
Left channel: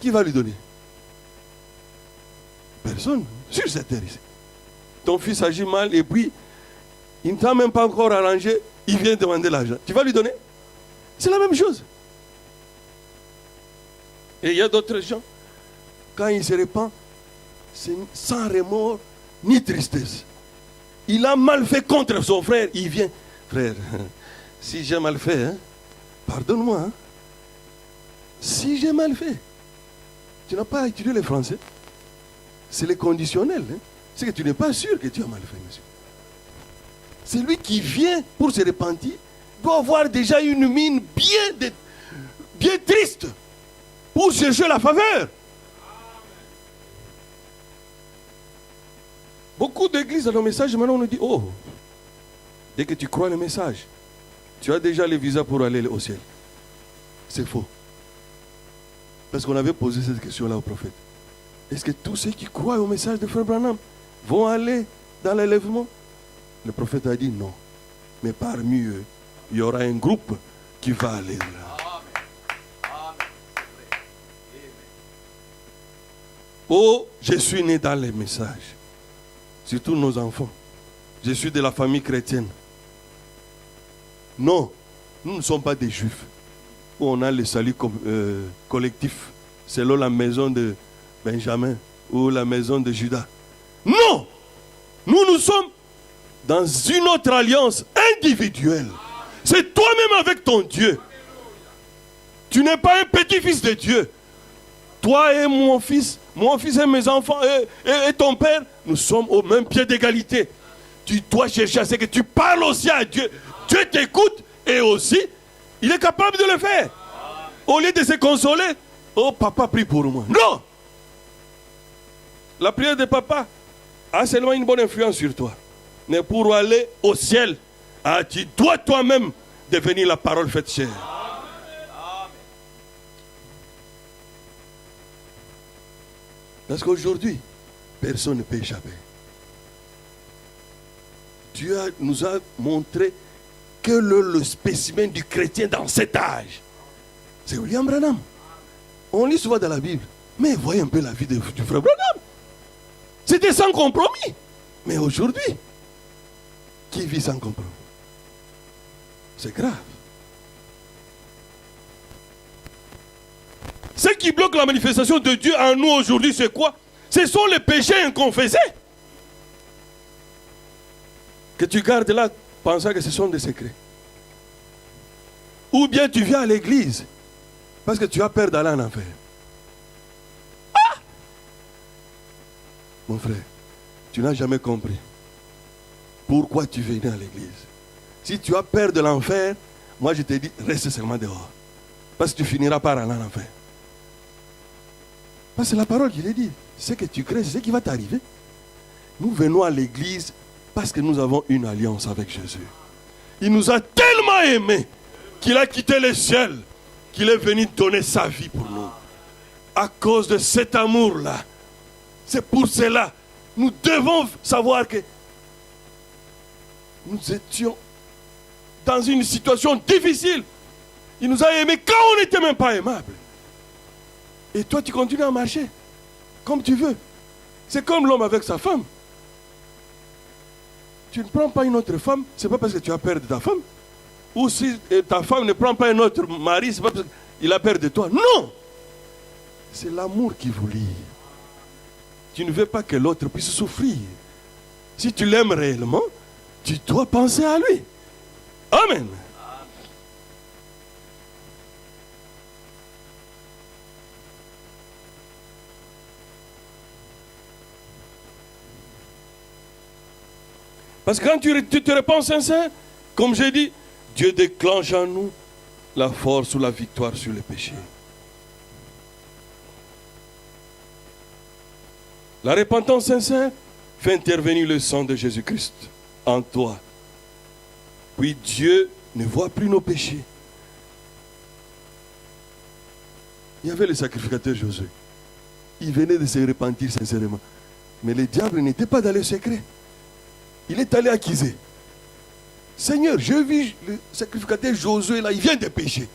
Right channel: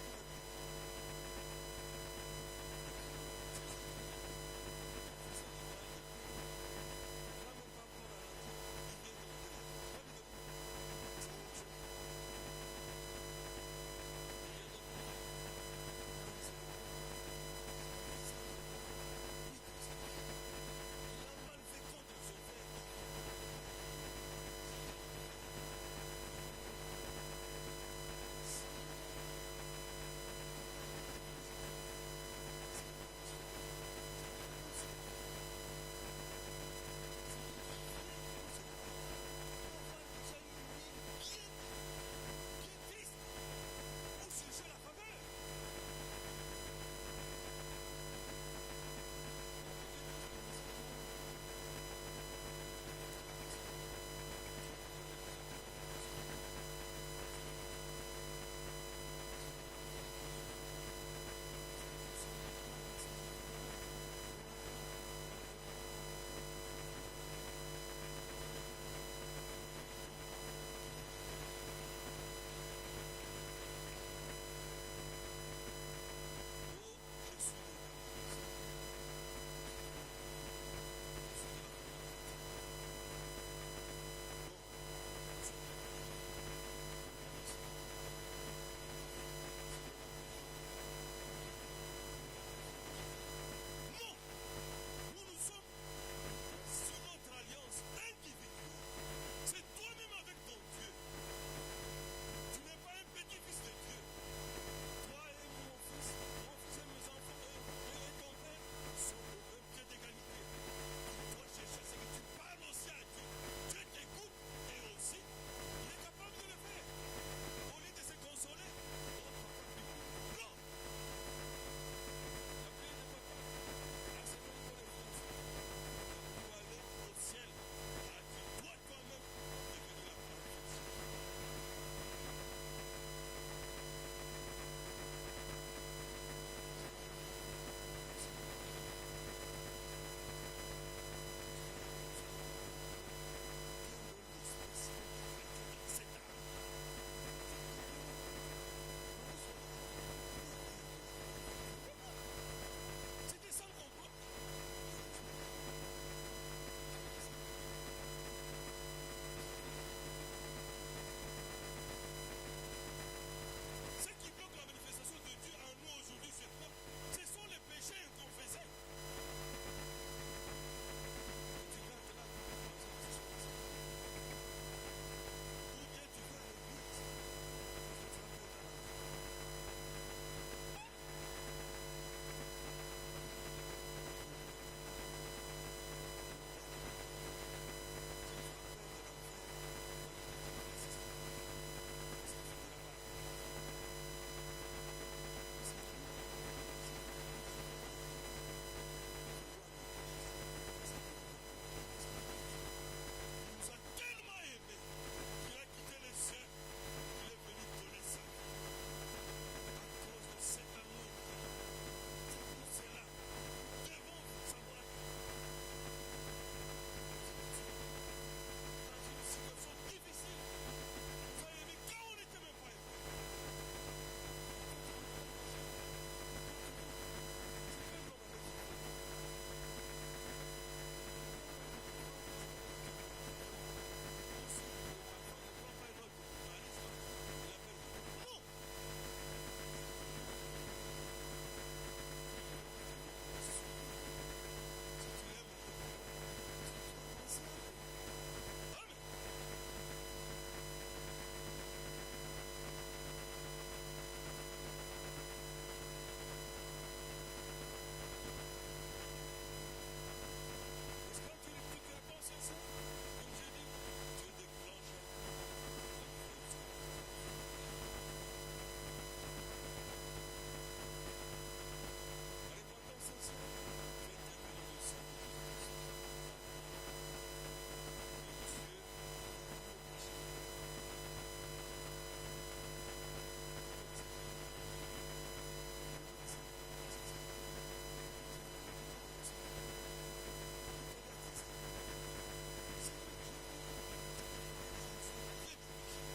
Qui va lui donner? Personne. Sur cette terre ici. Ton fils agit mal et puis il ne t'a même pas encore arrangé, il vient demander l'argent. Tu vas lui donner? C'est la même chose. Et il y a d'autres gens, quand il se répand, c'est sans remords ni tristesse. Il a mal fait contre son frère, il vient. Frère, si j'ai mal fait, hein, pardonne-moi. Hein. Si j'ai mal fait, tu n'as pas étudié le français. C'est le conditionnel. Hein. C'est que tu n'es pas sûr que tu as mal fait, monsieur. C'est lui qui vient pour se repentir, doit avoir déjà une mine bien triste pour chercher la faveur. Beaucoup d'églises dans nos messages, maintenant on nous dit, oh, dès que tu crois le message, tu as déjà le visa pour aller au ciel. C'est faux. Parce qu'on avait posé cette question-là au prophète. Est-ce que tous ceux qui croient au message de Frère Branham vont aller dans l'enlèvement? Le prophète a dit non. Mais parmi eux, il y aura un groupe qui va aller là. Oh, je suis né dans les messages. Surtout nos enfants. Je suis de la famille chrétienne. Non, nous ne sommes pas des juifs. Où on a le salut collectif selon la maison de Benjamin ou la maison de Judas. Non, nous sommes dans une autre alliance individuelle. C'est toi-même avec ton Dieu. Tu n'es pas un petit-fils de Dieu. Toi et mon fils et mes enfants et ton père, nous sommes au même pied d'égalité. Tu dois chercher à ce que tu parles aussi à Dieu. Dieu t'écoute et aussi, il est capable de le faire. Au lieu de se consoler, oh papa prie pour moi. Non! La prière de papa a seulement une bonne influence sur toi. Mais pour aller au ciel, tu dois toi-même devenir la parole faite chair. Parce qu'aujourd'hui, personne ne peut échapper. Dieu nous a montré que le spécimen du chrétien dans cet âge, c'est William Branham. On lit souvent dans la Bible, mais voyez un peu la vie du frère Branham. C'était sans compromis. Mais aujourd'hui, qui vit sans compromis? C'est grave. Ce qui bloque la manifestation de Dieu en nous aujourd'hui, c'est quoi? Ce sont les péchés inconfessés. Que tu gardes là, pensant que ce sont des secrets. Ou bien tu viens à l'église parce que tu as peur d'aller en enfer. Ah! Mon frère, tu n'as jamais compris pourquoi tu venais à l'église. Si tu as peur de l'enfer, moi je te dis, reste seulement dehors. Parce que tu finiras par aller en enfer. Parce que c'est la parole qui le dit. Ce que tu crées, c'est ce qui va t'arriver. Nous venons à l'église parce que nous avons une alliance avec Jésus. Il nous a tellement aimés qu'il a quitté le ciel, qu'il est venu donner sa vie pour nous. À cause de cet amour-là, c'est pour cela, nous devons savoir que nous étions dans une situation difficile. Il nous a aimés quand on n'était même pas aimable. Et toi, tu continues à marcher comme tu veux. C'est comme l'homme avec sa femme. Tu ne prends pas une autre femme, c'est pas parce que tu as peur de ta femme. Ou si ta femme ne prend pas un autre mari, c'est pas parce qu'il a peur de toi. Non! C'est l'amour qui vous lie. Tu ne veux pas que l'autre puisse souffrir. Si tu l'aimes réellement, tu dois penser à lui. Amen. Parce que quand tu te réponds sincère, comme j'ai dit, Dieu déclenche en nous la force ou la victoire sur le péché. La repentance sincère fait intervenir le sang de Jésus-Christ en toi. Puis Dieu ne voit plus nos péchés. Il y avait le sacrificateur Josué. Il venait de se repentir sincèrement. Mais le diable n'était pas dans le secret. Il est allé accuser. Seigneur, je vis le sacrificateur Josué là, il vient de pécher.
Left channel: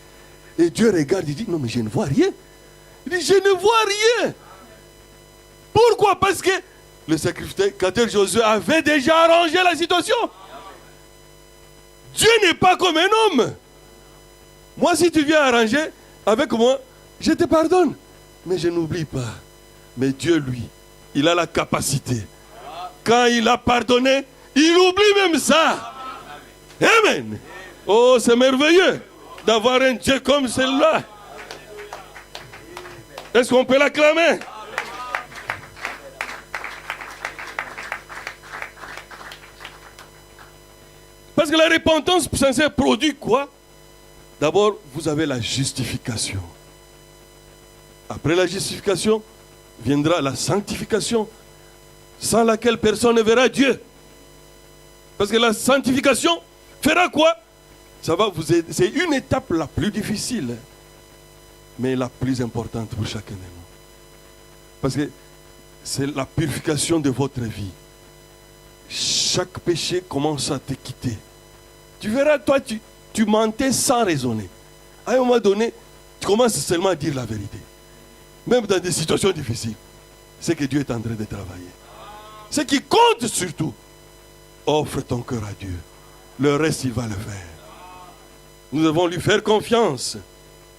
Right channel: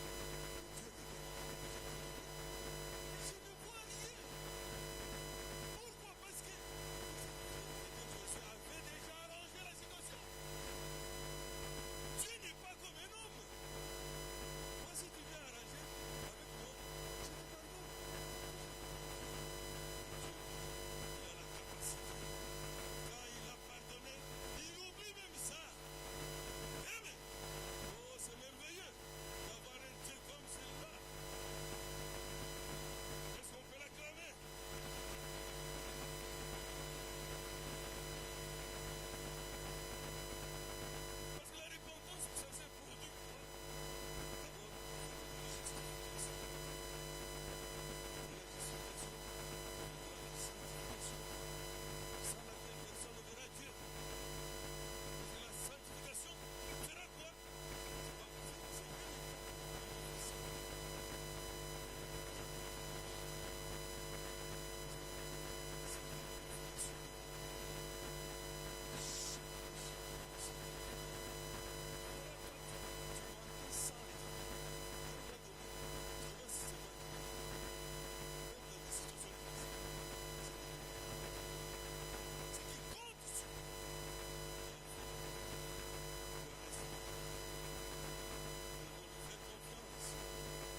Et Dieu regarde, il dit, non mais je ne vois rien. Il dit, je ne vois rien. Pourquoi? Parce que le sacrificateur Josué avait déjà arrangé la situation. Dieu n'est pas comme un homme. Moi, si tu viens arranger avec moi, je te pardonne. Mais je n'oublie pas. Mais Dieu, lui, il a la capacité. Quand il a pardonné, il oublie même ça. Amen. Oh, c'est merveilleux d'avoir un Dieu comme celui-là. Est-ce qu'on peut l'acclamer? Parce que la repentance sincère produit quoi? D'abord, vous avez la justification. Après la justification, viendra la sanctification, sans laquelle personne ne verra Dieu. Parce que la sanctification fera quoi? Ça va vous aider. C'est une étape la plus difficile, mais la plus importante pour chacun de nous. Parce que c'est la purification de votre vie. Chaque péché commence à te quitter. Tu verras, toi, tu mentais sans raisonner. À un moment donné, tu commences seulement à dire la vérité. Même dans des situations difficiles. C'est que Dieu est en train de travailler. Ce qui compte surtout, offre ton cœur à Dieu. Le reste, il va le faire. Nous devons lui faire confiance.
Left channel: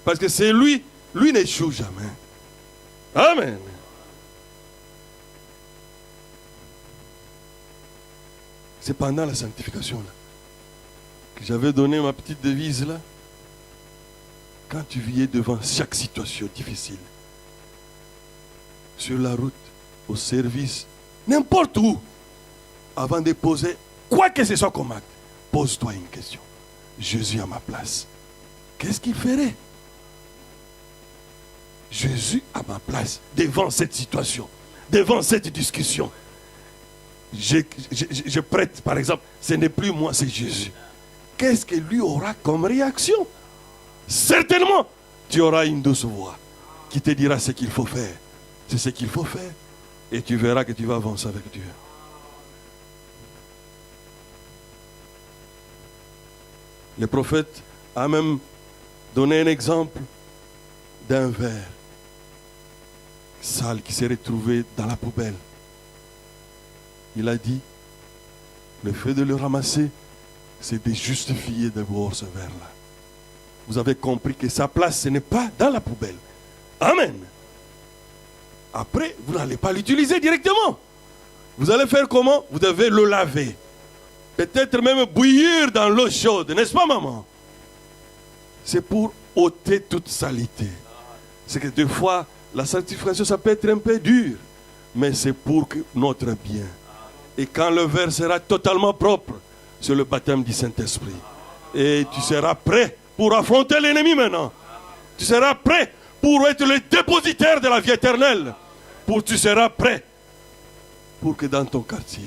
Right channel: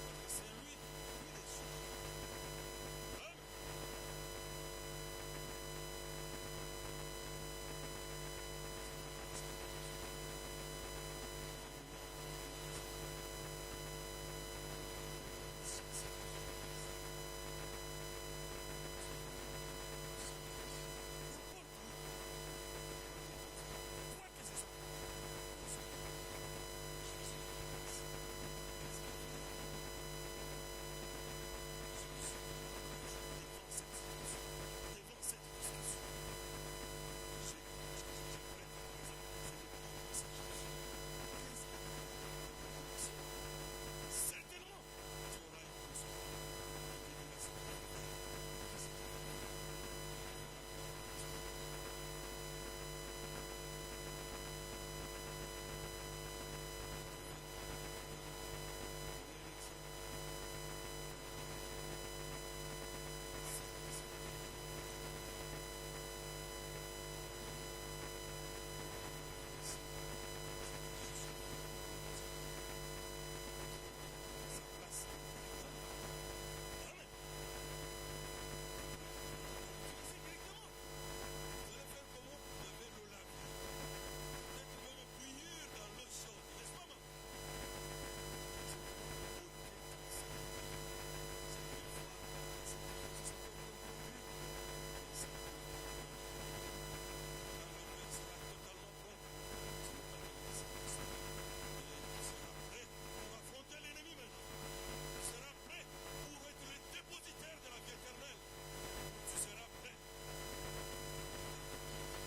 Parce que c'est lui n'échoue jamais. Amen. C'est pendant la sanctification là, que j'avais donné ma petite devise là. Quand tu vivais devant chaque situation difficile, sur la route, au service, n'importe où, avant de poser quoi que ce soit comme acte, pose-toi une question. Jésus à ma place, qu'est-ce qu'il ferait? Jésus à ma place, devant cette situation, devant cette discussion. Je prête, par exemple, ce n'est plus moi, c'est Jésus. Qu'est-ce que lui aura comme réaction? Certainement, tu auras une douce voix qui te dira ce qu'il faut faire. C'est ce qu'il faut faire. Et tu verras que tu vas avancer avec Dieu. Le prophète a même donné un exemple d'un verre sale qui s'est retrouvé dans la poubelle. Il a dit, le fait de le ramasser, c'est de justifier d'abord ce verre-là. Vous avez compris que sa place, ce n'est pas dans la poubelle. Amen. Après, vous n'allez pas l'utiliser directement. Vous allez faire comment? Vous devez le laver. Peut-être même bouillir dans l'eau chaude, n'est-ce pas, maman? C'est pour ôter toute saleté. C'est que des fois, la sanctification, ça peut être un peu dur, mais c'est pour notre bien. Et quand le verre sera totalement propre, c'est le baptême du Saint-Esprit. Et tu seras prêt pour affronter l'ennemi maintenant. Tu seras prêt pour être le dépositaire de la vie éternelle. Tu seras prêt pour que dans ton quartier,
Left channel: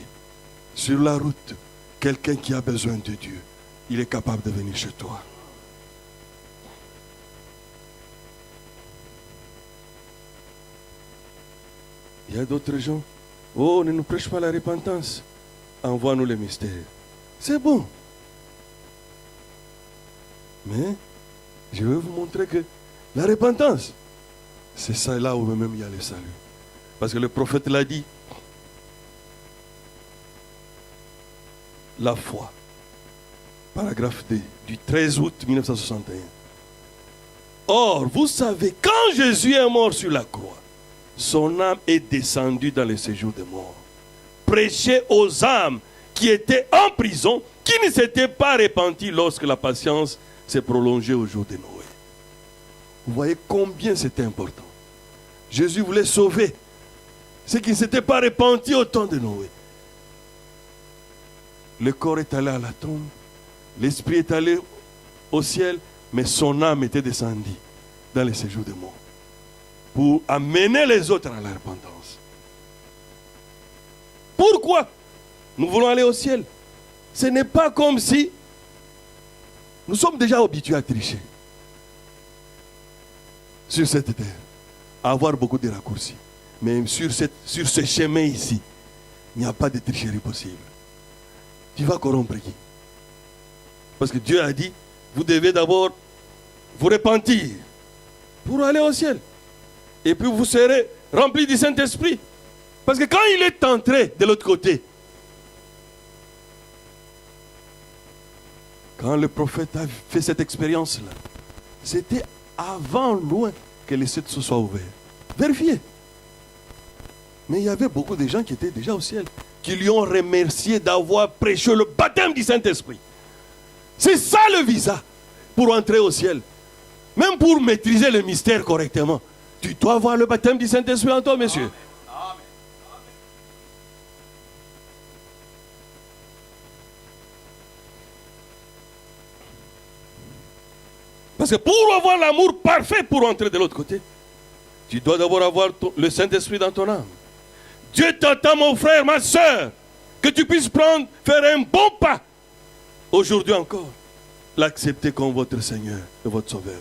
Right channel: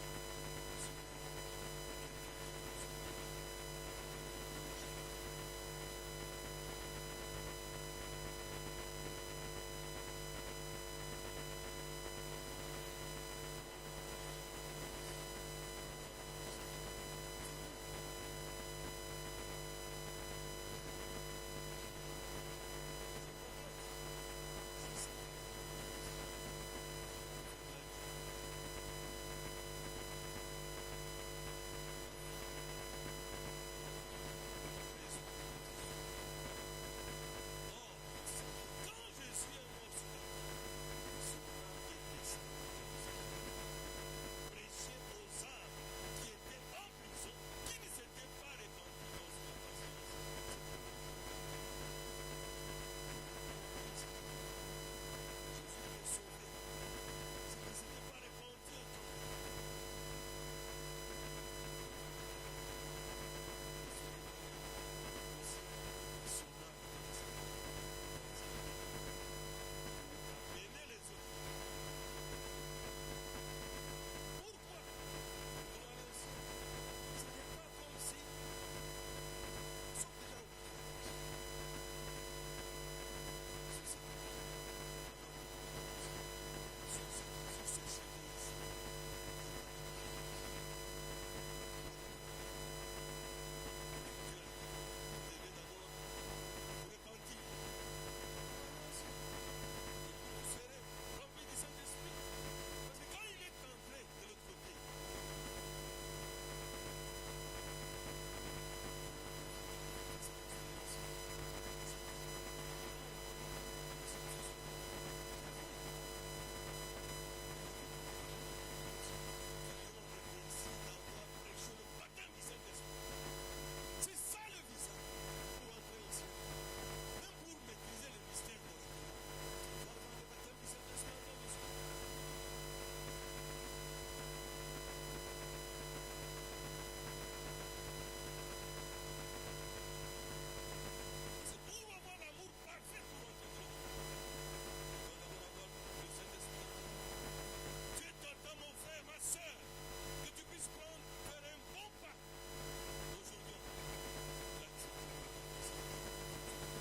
sur la route, quelqu'un qui a besoin de Dieu, il est capable de venir chez toi. Il y a d'autres gens. Oh, ne nous prêche pas la repentance. Envoie-nous les mystères. C'est bon. Mais je vais vous montrer que la repentance, C'est ça là où même il y a le salut. Parce que le prophète l'a dit. La foi. Paragraphe D, du 13 août 1961. Or, vous savez, quand Jésus est mort sur la croix, son âme est descendue dans le séjour des morts. Prêchez aux âmes qui étaient en prison, qui ne s'étaient pas repenties lorsque la patience s'est prolongée au jour de Noé. Vous voyez combien c'était important. Jésus voulait sauver ceux qui ne s'étaient pas repentis au temps de Noé. Le corps est allé à la tombe, l'esprit est allé au ciel, mais son âme était descendue dans les séjours des morts pour amener les autres à la repentance. Pourquoi nous voulons aller au ciel? Ce n'est pas comme si nous sommes déjà habitués à tricher sur cette terre, à avoir beaucoup de raccourcis. Mais sur ce chemin ici, il n'y a pas de tricherie possible. Tu vas corrompre qui? Parce que Dieu a dit, vous devez d'abord vous repentir pour aller au ciel. Et puis vous serez remplis du Saint-Esprit. Parce que quand il est entré de l'autre côté, quand le prophète a fait cette expérience-là, c'était avant loin que les cieux se soient ouverts. Vérifiez. Mais il y avait beaucoup de gens qui étaient déjà au ciel, qui lui ont remercié d'avoir prêché le baptême du Saint-Esprit. C'est ça le visa pour entrer au ciel. Même pour maîtriser le mystère correctement, tu dois avoir le baptême du Saint-Esprit en toi, monsieur. Parce que pour avoir l'amour parfait pour entrer de l'autre côté, tu dois d'abord avoir le Saint-Esprit dans ton âme. Dieu t'attend, mon frère, ma soeur, que tu puisses faire un bon pas. Aujourd'hui encore, l'accepter comme votre Seigneur et votre Sauveur.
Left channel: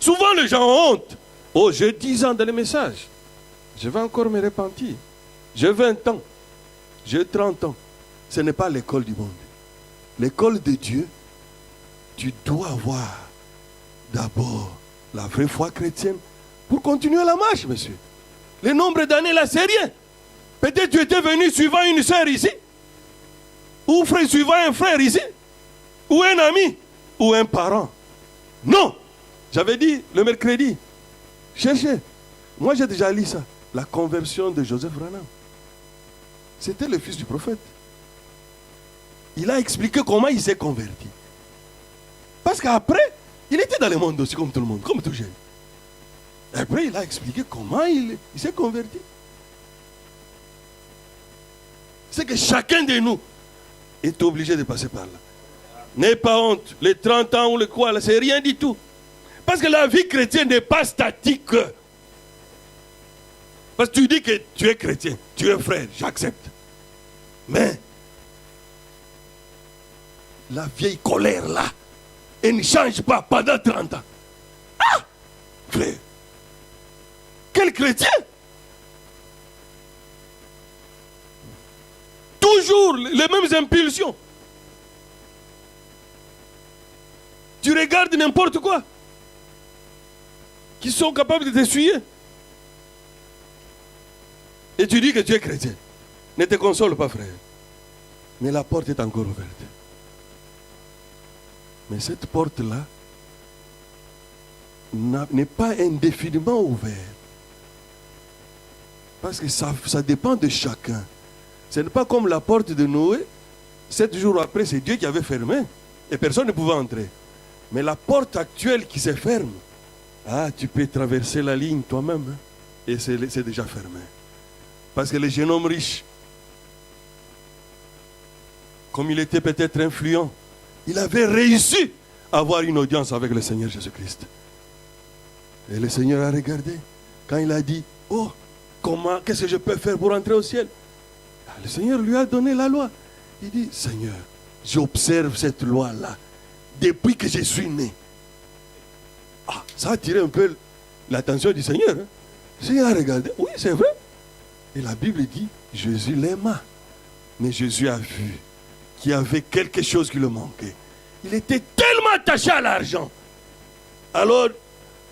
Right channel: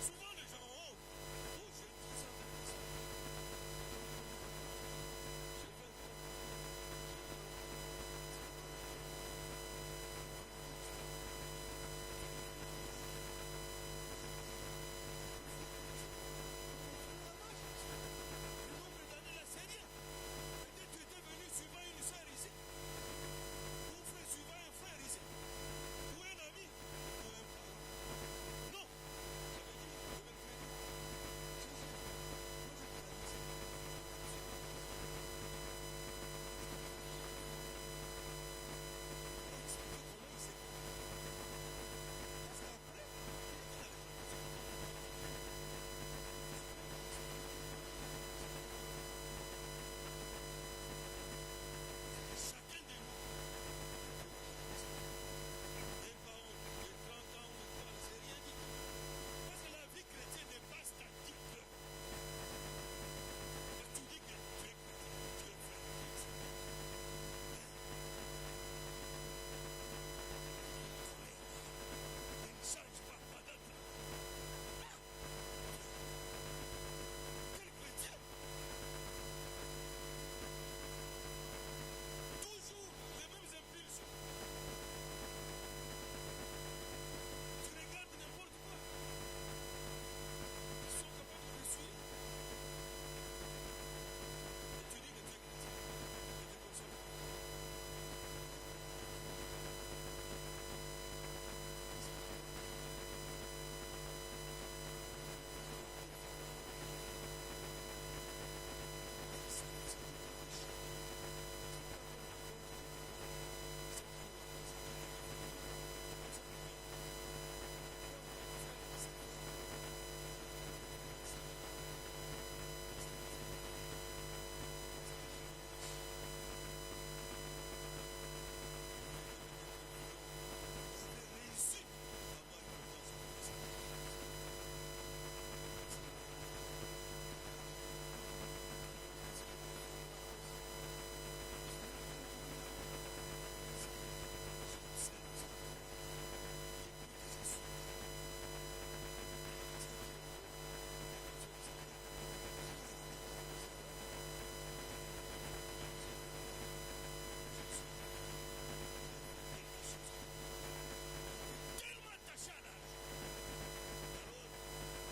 Souvent les gens ont honte. Oh, j'ai 10 ans dans les messages. Je vais encore me repentir. J'ai 20 ans. J'ai 30 ans. Ce n'est pas l'école du monde. L'école de Dieu, tu dois avoir d'abord la vraie foi chrétienne pour continuer la marche, monsieur. Le nombre d'années là, c'est rien. Peut-être tu étais venu suivant une sœur ici, ou suivant un frère ici, ou un ami, ou un parent. Non! J'avais dit le mercredi, cherchez. Moi j'ai déjà lu ça. La conversion de Joseph Branham. C'était le fils du prophète. Il a expliqué comment il s'est converti. Parce qu'après, il était dans le monde aussi comme tout le monde, comme tout jeune. Après, il a expliqué comment il s'est converti. C'est que chacun de nous est obligé de passer par là. N'aie pas honte. Les 30 ans ou le quoi, là, c'est rien du tout. Parce que la vie chrétienne n'est pas statique. Parce que tu dis que tu es chrétien, tu es frère, j'accepte. Mais la vieille colère là, elle ne change pas pendant 30 ans. Ah! Frère, quel chrétien? Toujours les mêmes impulsions. Tu regardes n'importe quoi qui sont capables de t'essuyer. Et tu dis que tu es chrétien. Ne te console pas, frère. Mais la porte est encore ouverte. Mais cette porte-là n'est pas indéfiniment ouverte. Parce que ça dépend de chacun. Ce n'est pas comme la porte de Noé. 7 jours après, c'est Dieu qui avait fermé. Et personne ne pouvait entrer. Mais la porte actuelle qui se ferme, ah, tu peux traverser la ligne toi-même. Et c'est déjà fermé. Parce que le jeune homme riche, comme il était peut-être influent, il avait réussi à avoir une audience avec le Seigneur Jésus-Christ. Et le Seigneur a regardé. Quand il a dit, oh, qu'est-ce que je peux faire pour entrer au ciel? Le Seigneur lui a donné la loi. Il dit, Seigneur, j'observe cette loi-là depuis que je suis né. Ah, ça a attiré un peu l'attention du Seigneur. Hein? Le Seigneur a regardé. Oui, c'est vrai. Et la Bible dit, Jésus l'aima. Mais Jésus a vu qu'il y avait quelque chose qui le manquait. Il était tellement attaché à l'argent. Alors,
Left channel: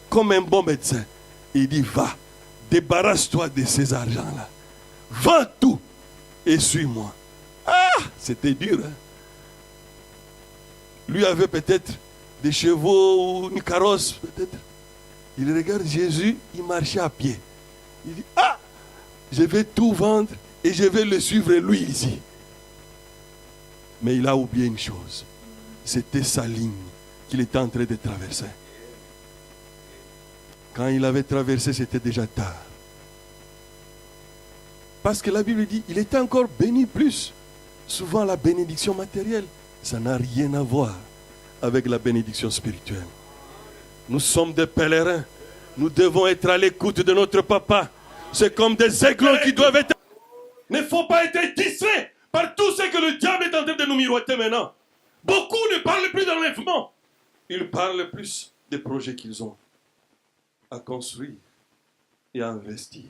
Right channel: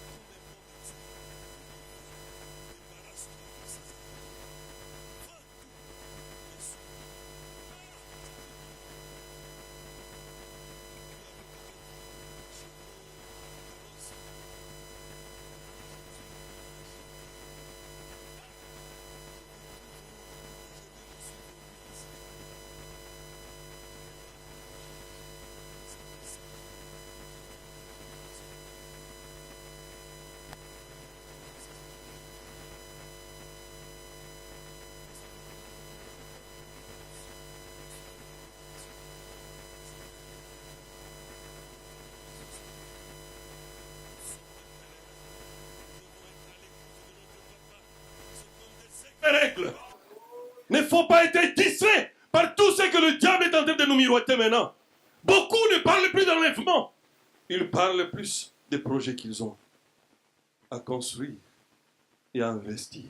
comme un bon médecin, Il dit, va, débarrasse-toi de ces argents-là. Vends tout et suis-moi. Ah, c'était dur. Hein? Lui avait peut-être des chevaux ou une carrosse, peut-être. Il regarde Jésus, il marchait à pied. Il dit, ah, je vais tout vendre et je vais le suivre lui ici. Mais il a oublié une chose. C'était sa ligne qu'il était en train de traverser. Quand il avait traversé, c'était déjà tard. Parce que la Bible dit, il était encore béni plus. Souvent la bénédiction matérielle, ça n'a rien à voir avec la bénédiction spirituelle. Nous sommes des pèlerins. Nous devons être à l'écoute de notre papa. C'est comme des aigles qui doivent être... Il ne faut pas être distrait par tout ce que le diable est en train de nous miroiter maintenant. Beaucoup ne parlent plus d'enlèvement. Ils parlent plus des projets qu'ils ont à construire et à investir.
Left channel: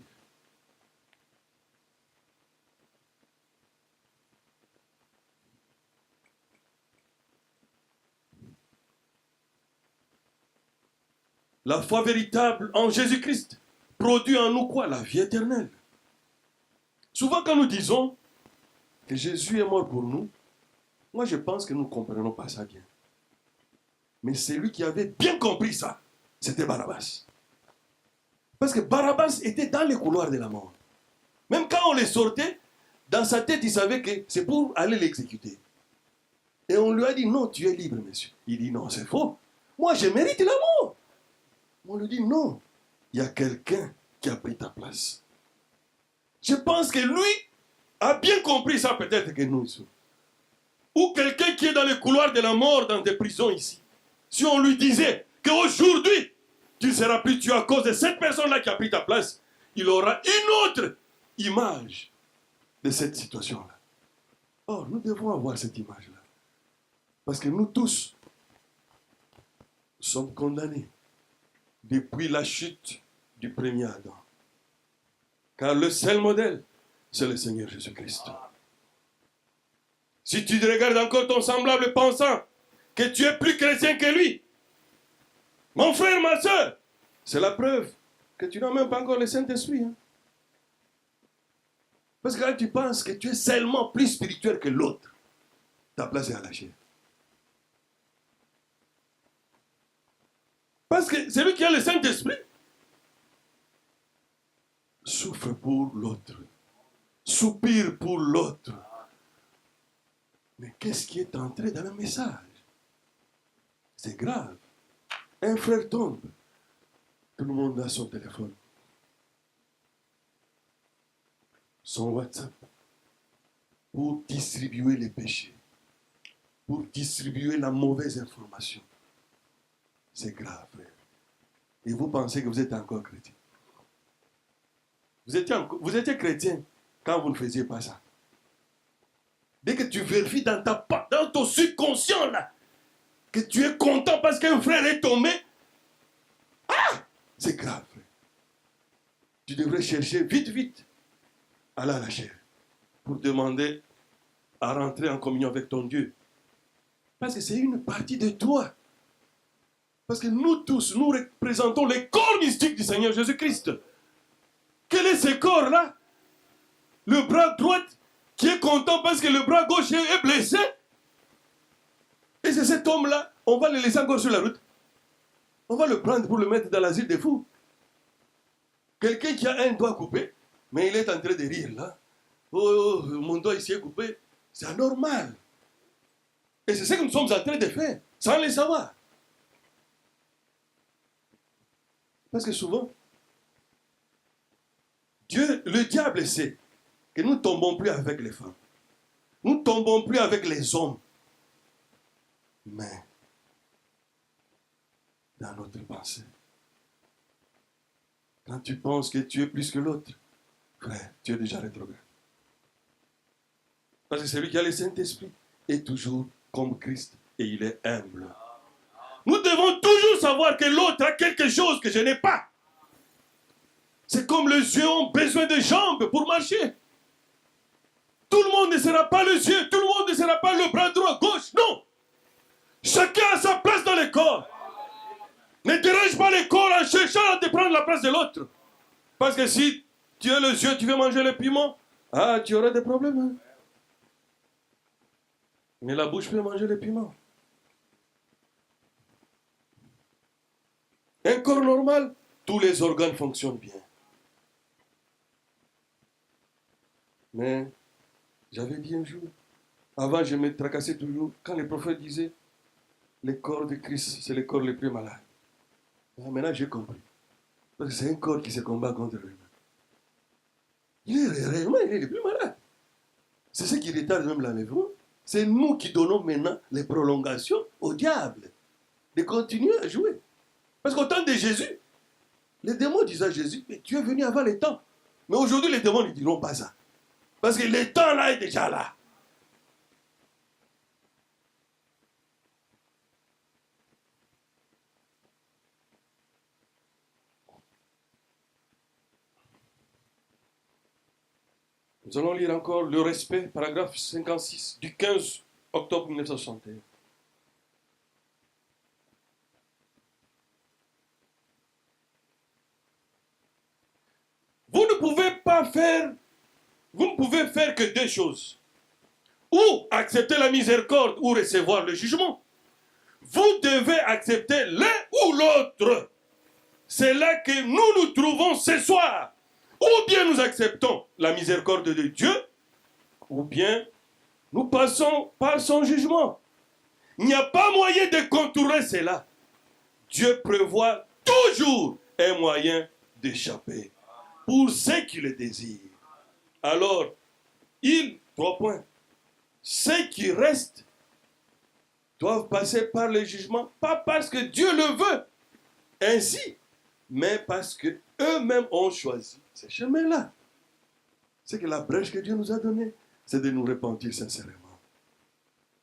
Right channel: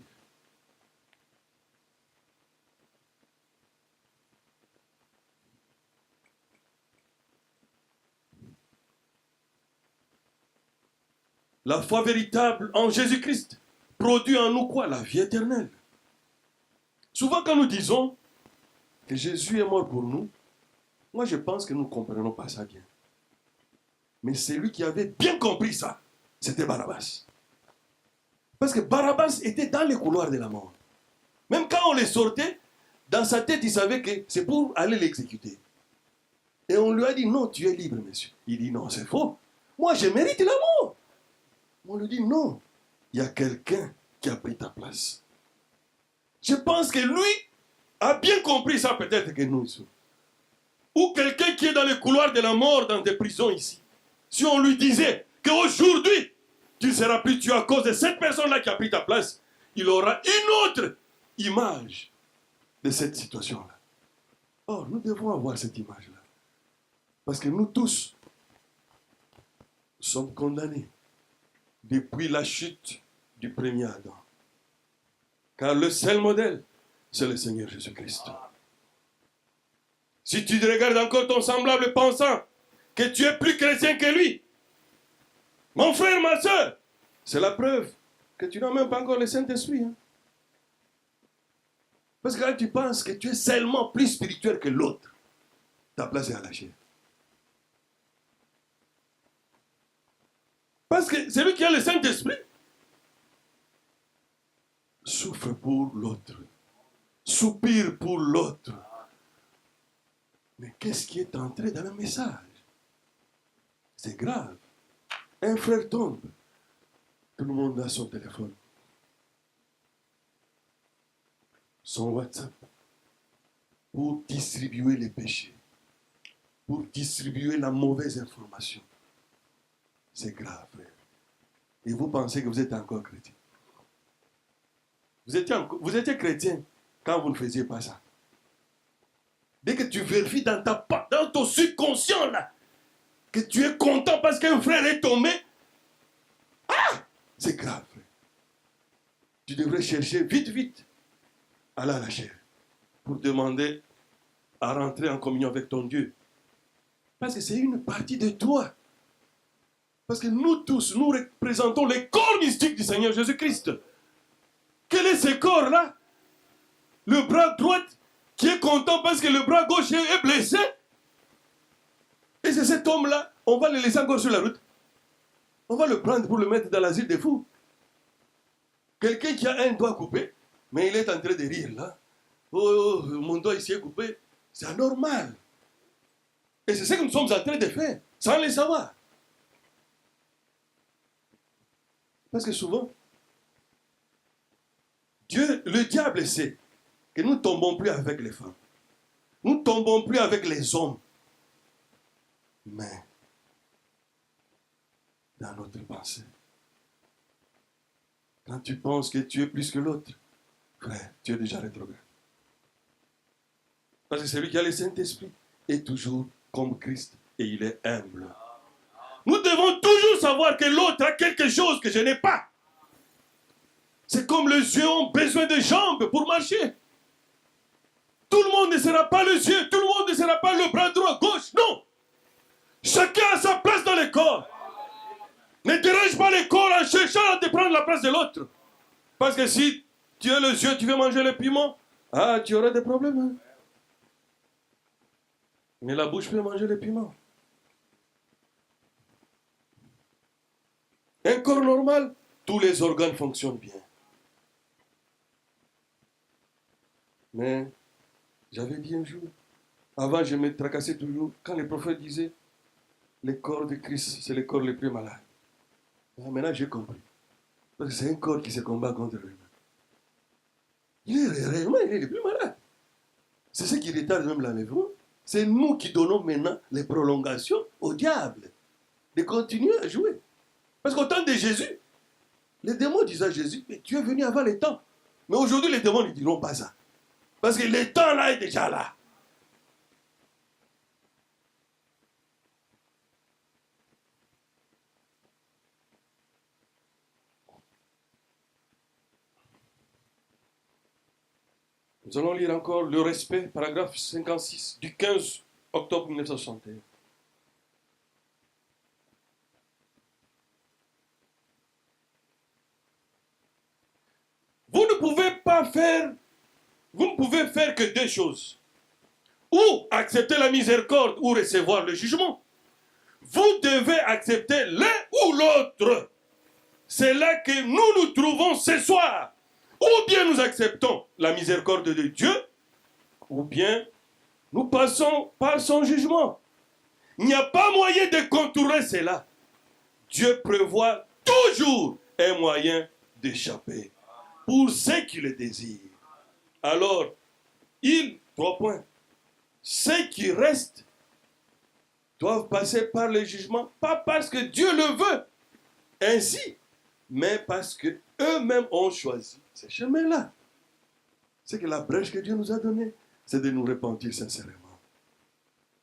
La foi véritable en Jésus-Christ produit en nous quoi? La vie éternelle. Souvent quand nous disons que Jésus est mort pour nous, moi je pense que nous ne comprenons pas ça bien. Mais celui qui avait bien compris ça, c'était Barabbas. Parce que Barabbas était dans les couloirs de la mort. Même quand on les sortait, dans sa tête, il savait que c'est pour aller l'exécuter. Et on lui a dit, non, tu es libre, monsieur. Il dit, non, c'est faux. Moi, je mérite la mort. On lui dit, non, il y a quelqu'un qui a pris ta place. Je pense que lui a bien compris ça peut-être que nous. Ou quelqu'un qui est dans les couloirs de la mort, dans des prisons ici. Si on lui disait qu'aujourd'hui, tu ne seras plus tué à cause de cette personne-là qui a pris ta place, il aura une autre image de cette situation-là. Or, nous devons avoir cette image-là. Parce que nous tous sommes condamnés depuis la chute du premier Adam. Car le seul modèle, c'est le Seigneur Jésus-Christ. Si tu regardes encore ton semblable pensant que tu es plus chrétien que lui, mon frère, ma soeur, c'est la preuve que tu n'as même pas encore le Saint-Esprit. Hein? Parce que quand tu penses que tu es seulement plus spirituel que l'autre, ta place est à la chair. Parce que celui qui a le Saint-Esprit souffre pour l'autre, soupire pour l'autre. Mais qu'est-ce qui est entré dans le message? C'est grave. Un frère tombe, tout le monde a son téléphone, son WhatsApp, pour distribuer les péchés, pour distribuer la mauvaise information. C'est grave, frère. Et vous pensez que vous êtes encore chrétien. Vous étiez chrétien quand vous ne faisiez pas ça. Dès que tu vérifies dans ton subconscient là, que tu es content parce qu'un frère est tombé, ah, c'est grave, frère. Tu devrais chercher vite, aller à la chair, pour demander à rentrer en communion avec ton Dieu. Parce que c'est une partie de toi. Parce que nous tous, nous représentons les corps mystiques du Seigneur Jésus-Christ. Quel est ce corps-là? Le bras droit qui est content parce que le bras gauche est blessé. Et c'est cet homme-là, on va le laisser encore sur la route. On va le prendre pour le mettre dans l'asile des fous. Quelqu'un qui a un doigt coupé, mais il est en train de rire là. Oh, mon doigt ici est coupé. C'est anormal. Et c'est ce que nous sommes en train de faire, sans le savoir. Parce que souvent, le diable sait que nous ne tombons plus avec les femmes. Nous ne tombons plus avec les hommes. Mais, dans notre pensée, quand tu penses que tu es plus que l'autre, frère, tu es déjà rétrograde. Parce que celui qui a le Saint-Esprit est toujours comme Christ et il est humble. Nous devons toujours savoir que l'autre a quelque chose que je n'ai pas. C'est comme les yeux ont besoin de jambes pour marcher. Tout le monde ne sera pas les yeux, tout le monde ne sera pas le bras droit, gauche, non. Chacun a sa place dans le corps. Ne dérange pas les corps en cherchant à te prendre la place de l'autre. Parce que si tu as les yeux, tu veux manger le piment, tu auras des problèmes. Hein? Mais la bouche peut manger le piment. Un corps normal, tous les organes fonctionnent bien. Mais j'avais dit un jour, avant je me tracassais toujours, quand les prophètes disaient, les corps de Christ, c'est les corps les plus malades. Maintenant j'ai compris. Parce que c'est un corps qui se combat contre lui-même. Il est réellement, il est le plus malade. C'est ce qui retarde même l'enlèvement. C'est nous qui donnons maintenant les prolongations au diable de continuer à jouer. Parce qu'au temps de Jésus, les démons disaient à Jésus, mais tu es venu avant les temps. Mais aujourd'hui, les démons ne diront pas ça. Parce que le temps là est déjà là. Nous allons lire encore le respect, paragraphe 56, du 15 octobre 1961. Vous ne pouvez faire que deux choses. Ou accepter la miséricorde ou recevoir le jugement. Vous devez accepter l'un ou l'autre. C'est là que nous nous trouvons ce soir. Ou bien nous acceptons la miséricorde de Dieu, ou bien nous passons par son jugement. Il n'y a pas moyen de contourner cela. Dieu prévoit toujours un moyen d'échapper pour ceux qui le désirent. Alors, trois points. Ceux qui restent doivent passer par le jugement, pas parce que Dieu le veut ainsi, mais parce qu'eux-mêmes ont choisi ce chemin-là. C'est que la brèche que Dieu nous a donnée, c'est de nous repentir sincèrement,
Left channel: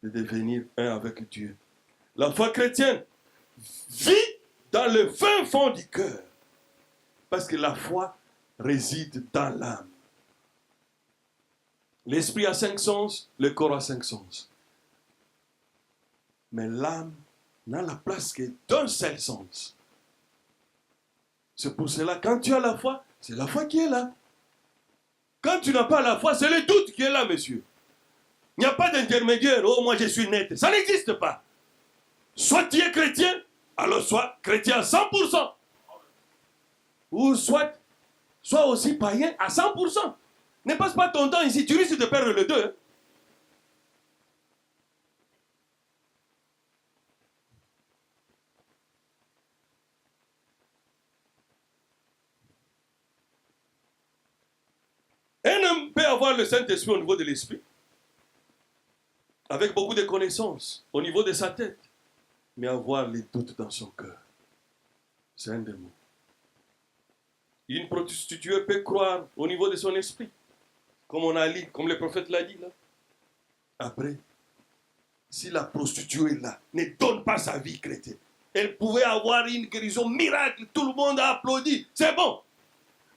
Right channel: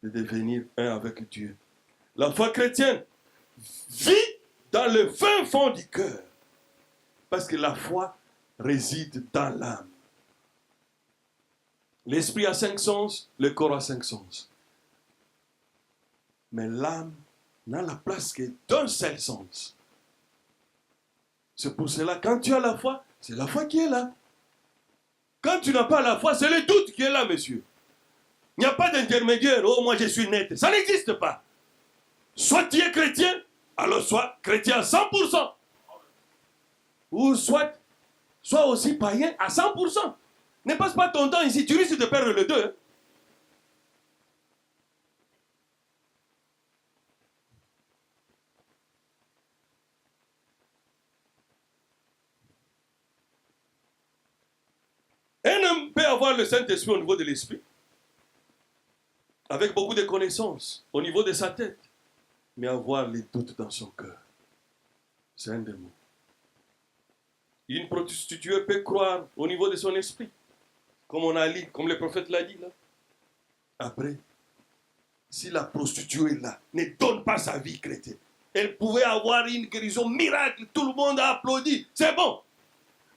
de devenir un avec Dieu. La foi chrétienne vit dans le fin fond du cœur, parce que la foi réside dans l'âme. L'esprit a 5 sens, le corps a 5 sens. Mais l'âme n'a la place que d'un seul sens. C'est pour cela, quand tu as la foi, c'est la foi qui est là. Quand tu n'as pas la foi, c'est le doute qui est là, monsieur. Il n'y a pas d'intermédiaire. Oh, moi je suis net. Ça n'existe pas. Soit tu es chrétien, alors sois chrétien à 100%. Ou soit aussi païen à 100%. Ne passe pas ton temps ici, tu risques de perdre le deux. Un homme peut avoir le Saint-Esprit au niveau de l'esprit, avec beaucoup de connaissances, au niveau de sa tête, mais avoir les doutes dans son cœur. C'est un démon. Une prostituée peut croire au niveau de son esprit, comme on a dit, comme le prophète l'a dit là. Après, si la prostituée là ne donne pas sa vie chrétienne, elle pouvait avoir une guérison miracle, tout le monde a applaudi, c'est bon.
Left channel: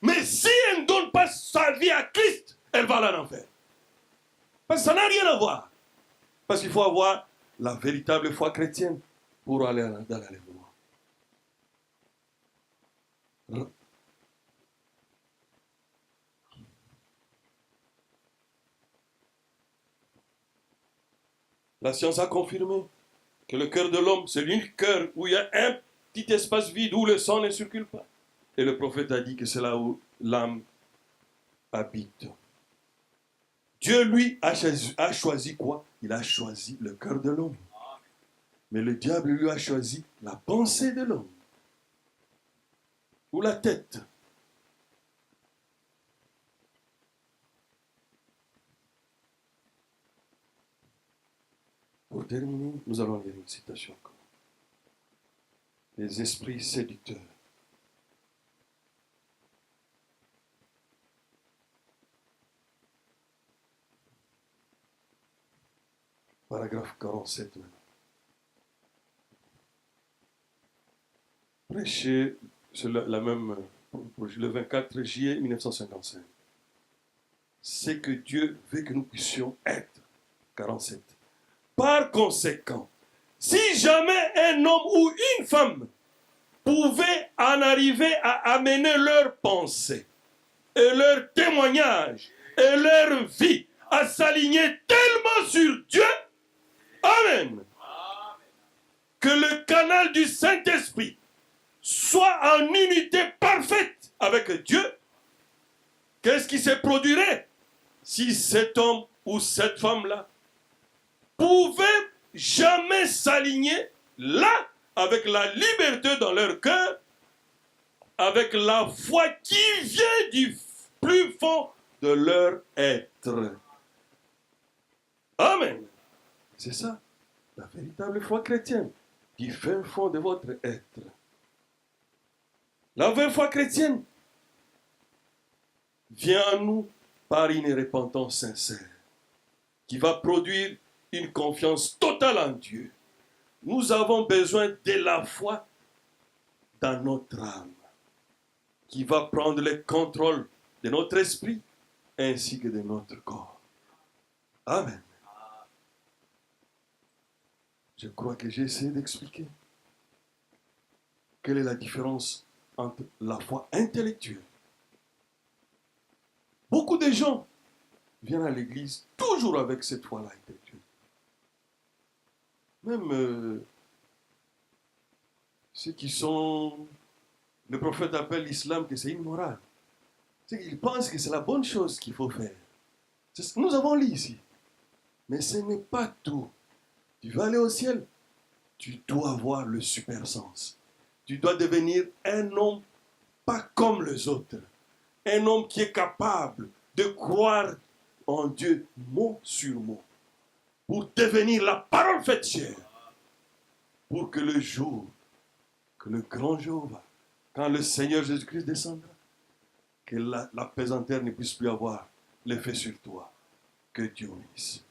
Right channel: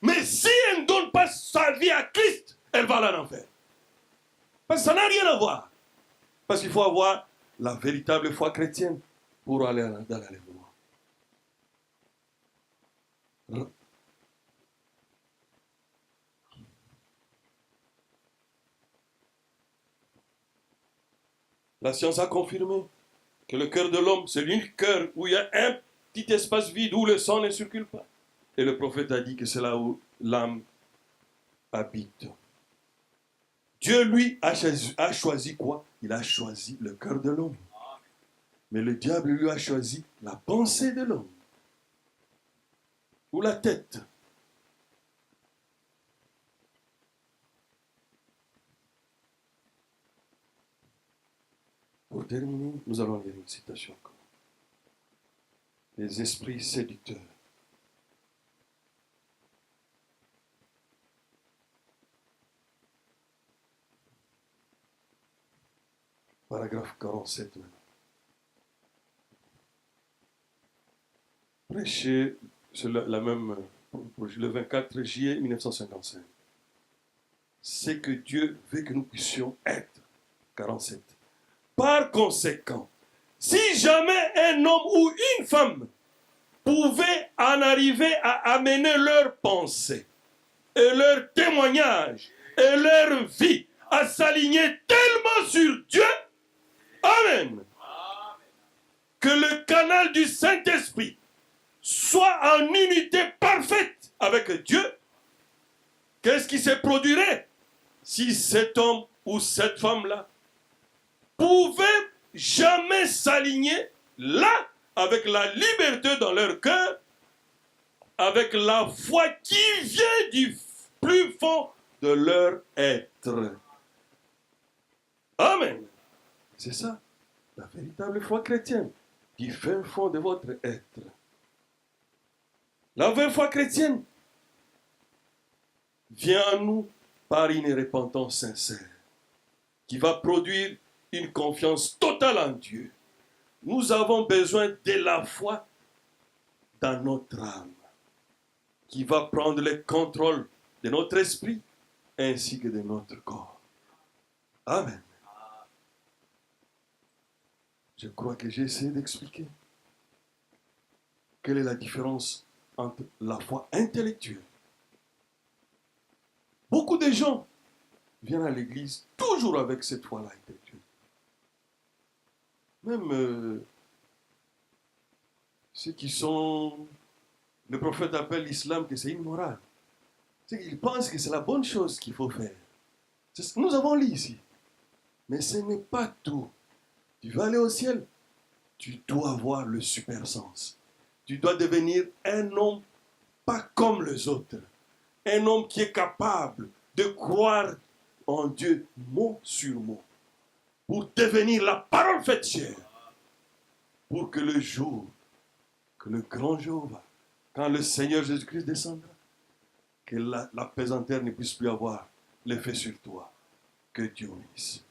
Mais si elle ne donne pas sa vie à Christ, elle va aller en enfer. Parce que ça n'a rien à voir. Parce qu'il faut avoir la véritable foi chrétienne pour aller dans l'enlèvement. La science a confirmé que le cœur de l'homme, c'est l'unique cœur où il y a un petit espace vide où le sang ne circule pas. Et le prophète a dit que c'est là où l'âme habite. Dieu, lui, a choisi quoi? Il a choisi le cœur de l'homme. Mais le diable, lui, a choisi la pensée de l'homme. Ou la tête. Pour terminer, nous allons lire une citation encore. Les esprits séducteurs. Paragraphe 47 maintenant. Prêché sur le 24 juillet 1955. C'est que Dieu veut que nous puissions être. 47. Par conséquent, si jamais un homme ou une femme pouvaient en arriver à amener leurs pensées et leurs témoignages et leur vie à s'aligner tellement sur Dieu. Amen. Que le canal du Saint-Esprit soit en unité parfaite avec Dieu. Qu'est-ce qui se produirait si cet homme ou cette femme-là pouvait jamais s'aligner là avec la liberté dans leur cœur, avec la foi qui vient du plus fond de leur être. Amen. C'est ça, la véritable foi chrétienne, du fin fond de votre être. La vraie foi chrétienne vient à nous par une repentance sincère, qui va produire une confiance totale en Dieu. Nous avons besoin de la foi dans notre âme, qui va prendre le contrôle de notre esprit ainsi que de notre corps. Amen. Je crois que j'ai essayé d'expliquer quelle est la différence entre la foi intellectuelle. Beaucoup de gens viennent à l'église toujours avec cette foi-là intellectuelle. Même ceux qui sont... Le prophète appelle l'islam que c'est immoral. C'est qu'ils pensent que c'est la bonne chose qu'il faut faire. Nous avons lu ici. Mais ce n'est pas tout. Tu vas aller au ciel, tu dois avoir le super sens. Tu dois devenir un homme pas comme les autres. Un homme qui est capable de croire en Dieu mot sur mot. Pour devenir la parole faite chair. Pour que le jour, que le grand jour va, quand le Seigneur Jésus-Christ descendra, que la pesanteur ne puisse plus avoir l'effet sur toi. Que Dieu bénisse.